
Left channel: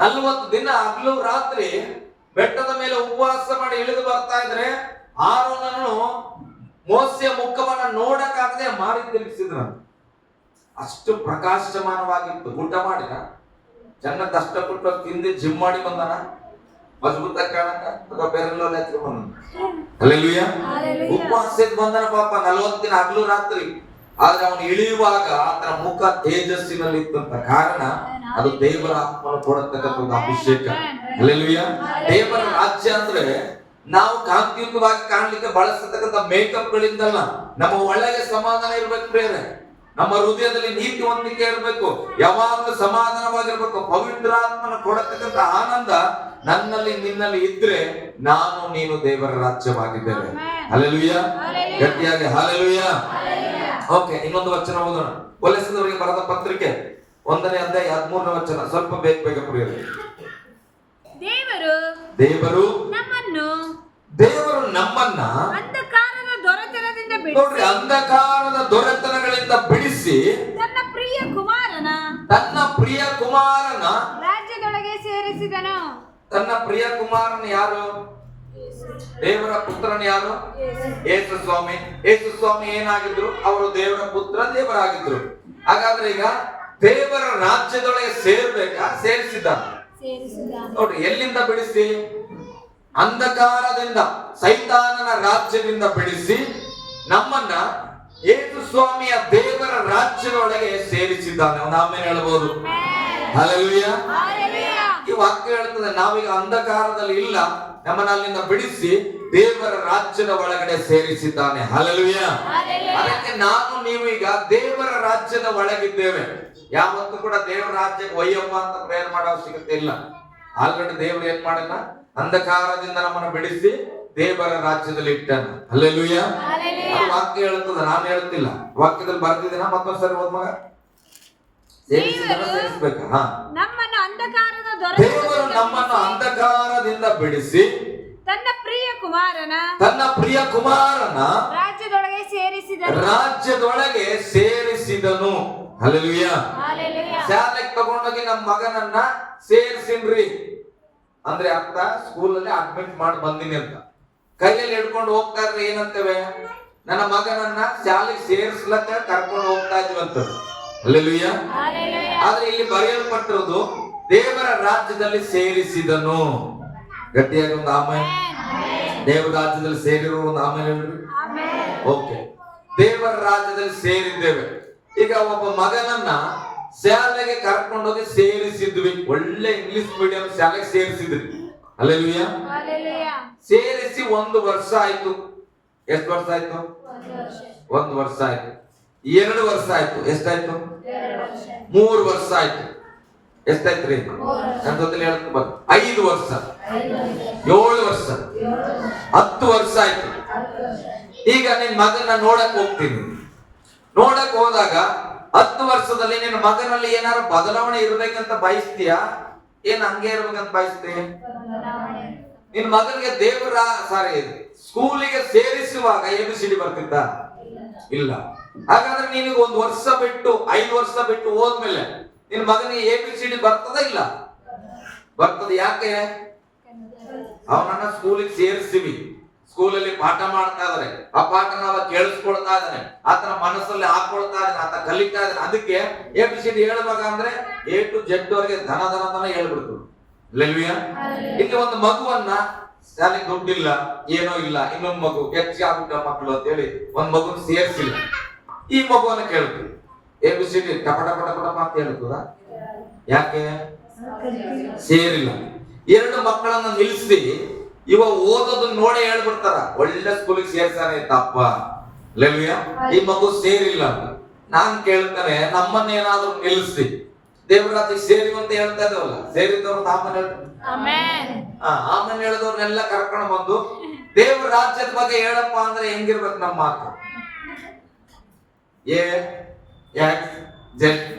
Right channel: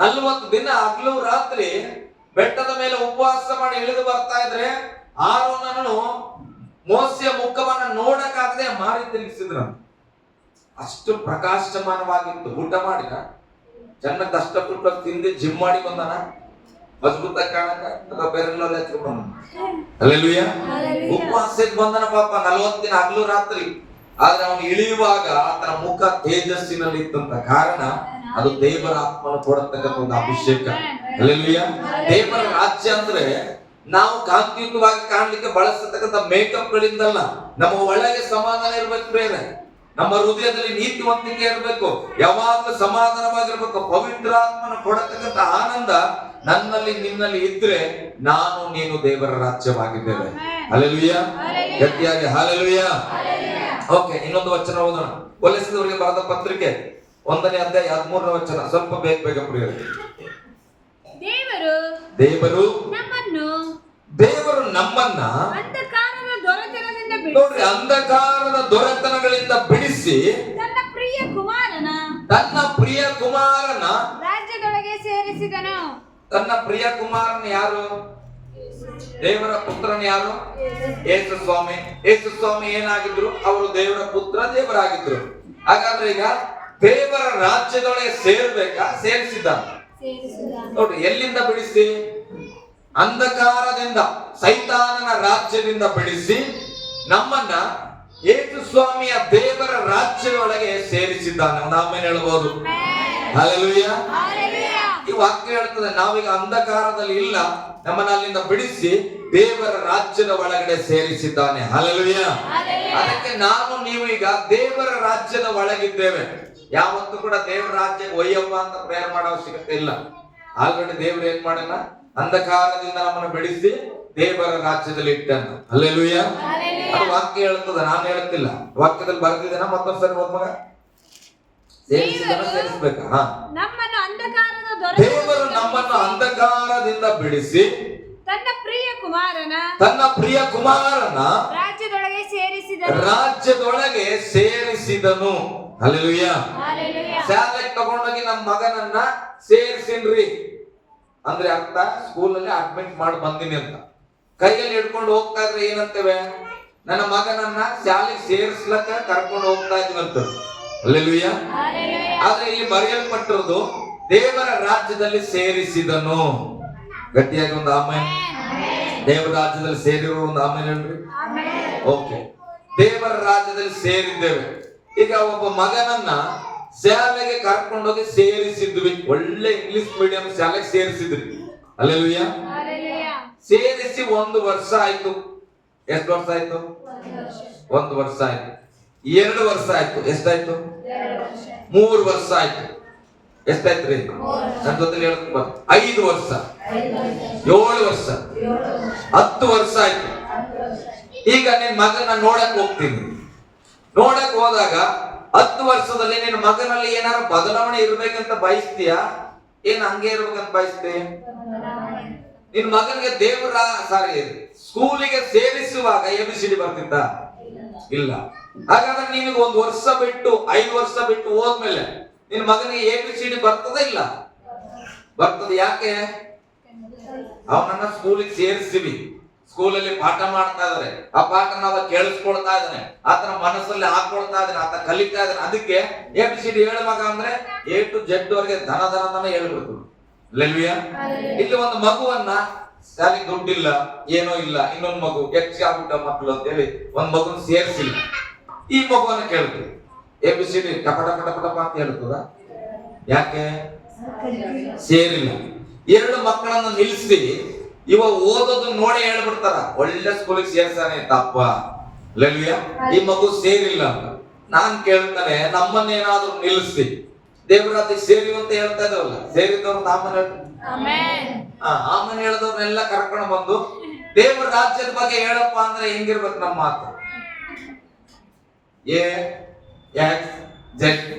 40 ದಿನ ಹಗಲು ರಾತ್ರಿ ಬೆಟ್ಟದ ಮೇಲೆ ಉಪವಾಸ ಮಾಡಿ ಇಳಿದು ಬರ್ತಾ ಇದ್ರೆ ಆರೋನನ್ನು ಮೋಸೆಯ ಮುಖವನ್ನ ನೋಡಕ್ಕಾಗದೆ ಮಾರಿ ತಿರುಗಿಸಿದ್ರ. ಅಷ್ಟು ಪ್ರಕಾಶಮಾನವಾಗಿತ್ತು. ಊಟ ಮಾಡಿದ, ಚೆನ್ನಾಗಿ ಕಷ್ಟಪಟ್ಟು ತಿಂದು ಜಿಮ್ ಮಾಡಿ ಬಂದನ, ಮಜಬೂತ ಕಾಣಕ ಅಥವಾ ಬೇರೆಲ್ಲ ಬಂದ. ಹಲ್ಲೆಲೂಯಾ. ಉಪವಾಸ ಬಂದನ ಪಾಪ 40 ದಿನ ಹಗಲು ರಾತ್ರಿ. ಆದ್ರೆ ಅವನು ಇಳಿಯುವಾಗ ಆತನ ಮುಖ ತೇಜಸ್ಸಿನಲ್ಲಿ ಇತ್ತಂತ. ಕಾರಣ ಅದು ದೇವರ ಆತ್ಮನ ಕೊಡತಕ್ಕಂಥ ಒಂದು ಅಭಿಷೇಕ. ಹಲ್ಲೆಲೂಯಾ. ದೇವರ ರಾಜ್ಯ ಅಂದ್ರೆ ನಾವು ಕಾಂತಿಯುತವಾಗಿ ಕಾಣ್ಲಿಕ್ಕೆ ಬಳಸತಕ್ಕಂಥ ಮೇಕಪ್ ಗಳಿಂದಲ್ಲ, ನಮ್ಮ ಒಳಗೆ ಸಮಾಧಾನ ಇರ್ಬೇಕು ಪ್ರೇರೆ, ನಮ್ಮ ಹೃದಯದಲ್ಲಿ ನೀತಿವಂತಿಕೆ ಇರಬೇಕು, ಯಾವಾಗಲೂ ಸಮಾಧಾನವಾಗಿರ್ಬೇಕು. ಪವಿತ್ರಾತ್ಮನ ಕೊಡತಕ್ಕಂಥ ಆನಂದ ನನ್ನಲ್ಲಿ ನಿನ್ನಲ್ಲಿ ಇದ್ರೆ ನಾನು ನೀನು ದೇವರ ರಾಜ್ಯವಾಗಿದ್ದೇವೆ. ಹಲ್ಲೆಲೂಯಾ. ಗಟ್ಟಿಯಾಗಿ ಹಲ್ಲೆಲೂಯಾ. ಓಕೆ, ಇನ್ನೊಂದು ವಚನ ಓದೋಣ. ಕೊಲೆಸದವರಿಗೆ ಬರೆದ ಪತ್ರಿಕೆ 1ನೇ ಅಧ್ಯಾಯ 13ನೇ ವಚನ. ಸ್ವಲ್ಪ ಬೇಗ ಪ್ರಿಯರೇ. ದೇವರು ನಮ್ಮನ್ನ ನೋಡ್ರಿ ಅಂಧಕಾರದ ದೊರೆತನಗಳಿಂದ ಬಿಡಿಸಿ ತನ್ನ ಪ್ರಿಯ ಕುಮಾರನ ರಾಜ್ಯದೊಳಗೆ ಸೇರಿಸಿದನು. ತನ್ನ ಪ್ರಿಯ ಕುಮಾರನ ಯಾರು? ದೇವರ ಪುತ್ರನ ಯಾರು? ಯೇಸು ಸ್ವಾಮಿ. ಯೇಸು ಸ್ವಾಮಿ ಏನಾಗಿದ್ರು? ಅವರು ದೇವರ ಪುತ್ರ, ದೇವರಾಗಿದ್ರು. ಹಾಗಾದ್ರೆ ಈಗ ದೇವರ ರಾಜ್ಯದೊಳಗೆ ಸೇರ್ಬೇಕಾ? ಸೇರಿಸಿದ. ನೋಡ್ರಿ, ಎಲ್ಲಿಂದ ಬಿಡಿಸಿ? ಅಂಧಕಾರದಿಂದ, ಸೈತಾನನ ರಾಜ್ಯದಿಂದ ಬಿಡಿಸಿ ನಮ್ಮನ್ನ ಯೇಸು ಸ್ವಾಮಿಯ ದೇವರ ರಾಜ್ಯದೊಳಗೆ ಸೇರಿಸಿದ್ದಾನೆ. ಅವನ ಆಮೇಲೆ ಹೇಳ್ಬೋದು. ಹಲ್ಲೆಲೂಯಾ. ಈ ವಾಕ್ಯ ಹೇಳ್ತದೆ ನಾವೀಗ ಅಂಧಕಾರದಲ್ಲಿ ಇಲ್ಲ, ನಮ್ಮನ್ನ ಅಲ್ಲಿಂದ ಬಿಡಿಸಿ ದೇವರ ರಾಜ್ಯದ ಒಳಗಡೆ ಸೇರಿಸಿದ್ದಾನೆ. ಹಲ್ಲೆಲೂಯಾ. ಅದಕ್ಕೆ ನಾನು ನೀವು ಈಗ ದೇವರ ರಾಜ್ಯದ ಒಳಗಿದ್ದೇವೆ. ಯಾವತ್ತೂ ಕೂಡ ದೇವರ ರಾಜ್ಯಕ್ಕೆ ಒಯ್ಯಪ್ಪ ಅಂತ ಪ್ರೇಯರ್ ಮಾಡೋ ಅವಶ್ಯಕತೆ ಇಲ್ಲ. ಆಲ್ರೆಡಿ ದೇವರು ಏನ್ ಮಾಡಲ್ಲ, ಅಂಧಕಾರದಿಂದ ನಮ್ಮನ್ನು ಬಿಡಿಸಿ ದೇವರ ರಾಜ್ಯದಲ್ಲಿ ಇಟ್ಟನು. ಹಲ್ಲೆಲೂಯಾ. ಅದು ವಾಕ್ಯ ಹೇಳ್ತದ, ನಾನು ಹೇಳ್ತಿಲ್ಲ. ವಾಕ್ಯದಲ್ಲಿ ಬರ್ತಿದ್ದೇನ? ಮತ್ತೊಂದ್ಸರಿ ಓದ್ ಮಗ. ಸೇರಿಸ್ಬೇಕಾ? ದೇವರು ನಮ್ಮನ್ನು ಅಂಧಕಾರದಿಂದ ಬಿಡಿಸಿ ತನ್ನ ಪ್ರಿಯ ಕುಮಾರನ ರಾಜ್ಯದೊಳಗೆ ಸೇರಿಸಿದನು. ಹಲ್ಲೆಲೂಯಾ. ಶಾಲೆಗೆ ತಗೊಂಡೋಗಿ ನಮ್ಮ ಮಗನನ್ನ ಸೇರಿಸಿನ್ರಿ ಅಂದ್ರೆ ಅರ್ಥ ಸ್ಕೂಲಲ್ಲಿ ಅಡ್ಮಿಟ್ ಮಾಡಿ ಬಂದಿನಿ ಅಂತ. ಕೈಯಲ್ಲಿ ಹಿಡ್ಕೊಂಡು ಹೋಗ್ತಾ ಇದ್ರೆ ಏನಂತೇವೆ? ನನ್ನ ಮಗನನ್ನ ಶಾಲೆಗೆ ಸೇರಿಸ್ಲಕ್ಕ ಕರ್ಕೊಂಡು ಹೋಗ್ತಾ ಇದ್ವಂತ. ಹಲ್ಲೆಲೂಯಾ. ಆದ್ರೆ ಇಲ್ಲಿ ಬರೆಯಲ್ಪಟ್ಟಿರೋದು ದೇವರ ರಾಜ್ಯದಲ್ಲಿ ಸೇರಿಸಿದನು. ಗಟ್ಟಿಯಾಗಿ ಒಂದು ಆಮೇಲೆ. ದೇವರ ರಾಜ್ಯದಲ್ಲಿ ಸೇರಿರೋ ಒಂದು ಆಮೇಲೆ ಹೇಳ್ರಿ. ಓಕೆ, ದೇವರ ರಾಜ್ಯದಲ್ಲಿ ಸೇರಿದ್ದೇವೆ. ಈಗ ಒಬ್ಬ ಮಗನನ್ನ ಶಾಲೆಗೆ ಕರ್ಕೊಂಡೋಗಿ ಸೇರಿಸಿದ್ವಿ. ಒಳ್ಳೆ ಇಂಗ್ಲಿಷ್ ಮೀಡಿಯಂ ಶಾಲೆಗೆ ಸೇರಿಸಿದ್ರಿ. ಹಲ್ಲೆಲೂಯಾ. ಸೇರಿಸಿ 1 ವರ್ಷ ಆಯ್ತು. ಎಷ್ಟು ವರ್ಷ ಆಯ್ತು? 1 ವರ್ಷ ಆಯ್ತು. 2 ವರ್ಷ ಆಯ್ತು. ಎಷ್ಟಾಯ್ತು? 3 ವರ್ಷ ಆಯ್ತು. ಎಷ್ಟಾಯ್ತ್ರಿ? ನನ್ನ ಜೊತೆಲಿ ಹೇಳ್ತೀನಿ ಬರ್. 5 ವರ್ಷ, 7 ವರ್ಷ, 10 ವರ್ಷ ಆಯ್ತು. ಈಗ ನಿನ್ ಮಗನ ನೋಡಕ್ ಹೋಗ್ತೀನಿ. ನೋಡಕ್ ಹೋದಾಗ 10 ವರ್ಷದಲ್ಲಿ ನಿನ್ನ ಮಗನಲ್ಲಿ ಏನಾದ್ರು ಬದಲಾವಣೆ ಇರ್ಬೇಕಂತ ಬಯಸ್ತೀಯಾ? ಏನ್ ಹಂಗೆ ಇರ್ಬೇಕಂತ ಬಯಸ್ತೀಯ? ನಿನ್ ಮಗನಿಗೆ ದೇವರ ಸ್ಕೂಲಿಗೆ ಸೇರಿಸುವಾಗ ABCD ಬರ್ತಿದ್ದ? ಇಲ್ಲ. ಹಾಗಾದ್ರೆ ನಿನಗೆ 1 ವರ್ಷ ಬಿಟ್ಟು 5 ವರ್ಷ ಬಿಟ್ಟು ಹೋದ್ಮೇಲೆ ನಿನ್ ಮಗನಿಗೆ ABCD ಬರ್ತದ? ಇಲ್ಲ, ಬರ್ತದೆ. ಯಾಕೆ? ಅವನನ್ನ ಸ್ಕೂಲಿಗೆ ಸೇರಿಸ್ತೀವಿ, ಸ್ಕೂಲಲ್ಲಿ ಪಾಠ ಮಾಡ್ತಾ ಇದಾರೆ, ಆ ಪಾಠನ ಅವ ಕೇಳಿಸ್ಕೊಳ್ತಾ ಇದ್ದಾನೆ, ಆತನ ಮನಸ್ಸಲ್ಲಿ ಹಾಕೊಳ್ತಾ ಇದ್ದಾನೆ, ಆತ ಕಲಿತಾ ಇದ್ದಾನೆ. ಅದಕ್ಕೆ ABCD ಹೇಳುವಾಗ ಅಂದ್ರೆ A to Z ವರೆಗೆ ದನ ಹೇಳ್ಬಿಡ್ತು. ಹಲ್ಲೆಲೂಯಾ. ಇಲ್ಲಿ ಒಂದು ಮಗುವನ್ನ ಶಾಲೆಗೆ ದುಡ್ಡಿಲ್ಲ, ಏನೋ ಇಲ್ಲ, ಇನ್ನೊಂದು ಮಗು ಹೆಚ್ಚಾಗ್ಬಿಟ್ಟ ಮಕ್ಕಳು ಅಂತ ಹೇಳಿ ಒಂದ್ ಮಗುನ ಸೇರಿಸಿಲ್ಲ. ಈ ಮಗುವನ್ನ ಕೇಳ್ತೀವಿ ABCD ಟಪ ಟಪ ಟಪ ಟಪ ಅಂತ ಹೇಳ್ತದ. ಯಾಕೆ ಸೇರಿಲ್ಲ? ಎರಡು ಮಕ್ಕಳನ್ನ ನಿಲ್ಲಿಸಿ ಇವ ಓದೋದು ನೋಡಿ ಹೇಳ್ಬಿಡ್ತಾರ, ಒಳ್ಳೆ ಸ್ಕೂಲಿಗೆ ಸೇರ್ಸಾನೆ ತಪ್ಪ, ಹಲ್ಲೆಲೂಯಾ. ಈ ಮಗು ಸೇರಿಲ್ಲ ಅಂತ ನಾನ್ ಕೇಳ್ತಾನೆ, ನಮ್ಮನ್ನೇನಾದ್ರೂ ನಿಲ್ಲಿಸಿ ದೇವರಾತ್ರಿಗೆ ಸೇರಿವ ಅಂತ ಹೇಳ್ತಾ ಇದಾವಲ್ಲ, ಸೇರಿದವ್ರು ಆಮೇಲೆ ಆಮೇಲೆ ಹೇಳಿದವ್ರನ್ನೆಲ್ಲ ಕರ್ಕೊಂಡು ಬಂದು ದೇವರ ರಾಜ್ಯದ ಬಗ್ಗೆ ಹೇಳಪ್ಪ ಅಂದ್ರೆ ಹೆಂಗಿರ್ಬೇಕು ನಮ್ಮ ಮಾತು?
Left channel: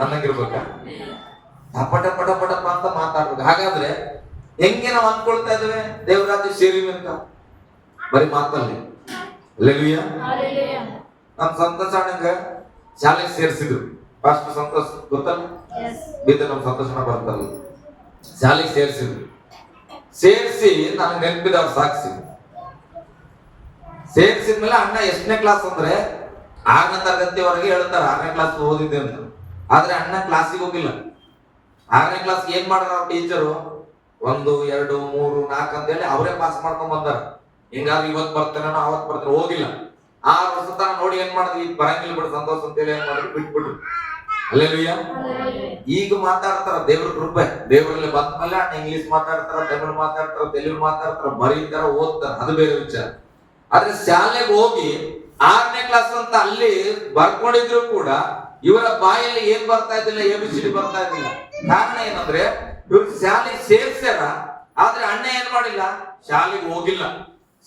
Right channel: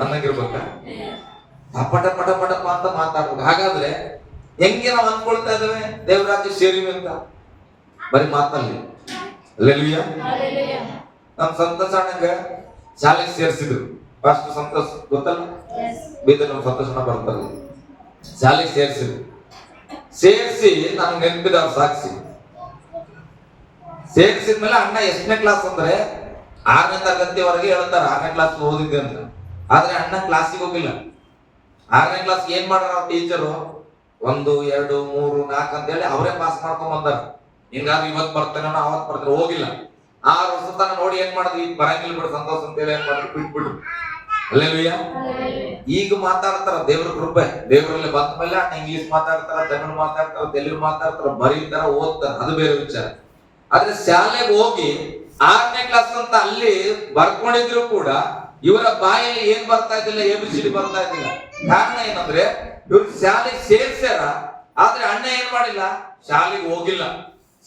ಅನ್ನಂಗಿರ್ಬೇಕ? ಪಟ ಪಟ ಪಟಪ್ಪ ಅಂತ ಮಾತಾಡ್ಬೇಕು. ಹಾಗಾದ್ರೆ ಹೆಂಗೆ ನಾವು ಅನ್ಕೊಳ್ತಾ ಇದ್ದೇವೆ ದೇವರ ರಾಜ್ಯ ಸೇರಿವಿ ಅಂತ? ಬರೀ ಮಾತಲ್ಲಿ. ಹಲ್ಲೆಲೂಯಾ. ನಮ್ ಸಂತೋಷ ಅಣ್ಣಂಗ ಶಾಲೆಗೆ ಸೇರಿಸಿದ್ರು. ಫಸ್ಟ್ ಸಂತೋಷ ಗೊತ್ತಲ್ಲ, ಬಿದ್ದು ನಮ್ ಸಂತೋಷನ ಬರ್ತಾರೆ. ಶಾಲೆಗೆ ಸೇರಿಸಿದ್ರು. ಸೇರಿಸಿ ನನಗೆ ನೆನಪಿದವ್ರ ಸಾಕ್ಷಿ. ಸೇರಿಸಿದ್ಮೇಲೆ ಅಣ್ಣ ಎಷ್ಟನೇ ಕ್ಲಾಸ್ ಅಂದ್ರೆ 6ನೇ ತರಗತಿವರೆಗೆ ಹೇಳ್ತಾರ 6ನೇ ಕ್ಲಾಸ್ ಓದಿದ್ದೆ ಅಂತ. ಆದ್ರೆ ಅಣ್ಣ ಕ್ಲಾಸಿಗೆ ಹೋಗಿಲ್ಲ. 6ನೇ ಕ್ಲಾಸ್ ಏನ್ ಮಾಡ್ರ ಅವ್ರ ಟೀಚರು 1 2 3 4 ಅಂತ ಹೇಳಿ ಅವರೇ ಪಾಸ್ ಮಾಡ್ಕೊಂಡ್ ಬಂದಾರ. ಹಿಂಗಾದ್ರೆ ಇವತ್ ಬರ್ತಾನೆ ಅವತ್ ಬರ್ತಾನೆ, ಹೋಗಿಲ್ಲ. 6 ವರ್ಷ ತನ ನೋಡಿ ಏನ್ ಮಾಡಿದ್ವಿ, ಬರಂಗಿಲ್ಲ ಬಿಡು ಸಂತೋಷ ಅಂತ ಹೇಳಿ ಏನ್ ಮಾಡಿದ್ರು, ಬಿಟ್ಬಿಟ್ರು. ಹಲ್ಲೆಲೂಯಾ. ಈಗ ಮಾತಾಡ್ತಾರ, ದೇವ್ರ ಕೃಪೆ. ದೇವರಲ್ಲಿ ಬಂದ ಮೇಲೆ ಅಣ್ಣ ಇಂಗ್ಲಿಷ್ ಮಾತಾಡ್ತಾರ, ತಮಿಳು ಮಾತಾಡ್ತಾರ, ತೆಲುಗು ಮಾತಾಡ್ತಾರ, ಬರೀತಾರ, ಓದ್ತಾರ, ಅದು ಬೇರೆ ವಿಚಾರ. ಆದ್ರೆ ಶಾಲೆಗೆ ಹೋಗಿ 6ನೇ ಕ್ಲಾಸ್ ಅಂತ ಅಲ್ಲಿ ಬರ್ಕೊಂಡಿದ್ರು ಕೂಡ ಇವರ ಬಾಯಲ್ಲಿ ಏನ್ ಬರ್ತಾ ಇದ್ದಿಲ್ಲ, ABCD ಬರ್ತಾ ಇದ್ದಿಲ್ಲ. ಕಾರಣ ಏನಂದ್ರೆ ಇವ್ರು ಶಾಲೆಗೆ ಸೇರ್ಸ್ಯಾರ, ಆದ್ರೆ ಅಣ್ಣ ಏನ್ ಮಾಡಿಲ್ಲ, ಶಾಲೆಗೆ ಹೋಗಿಲ್ಲ,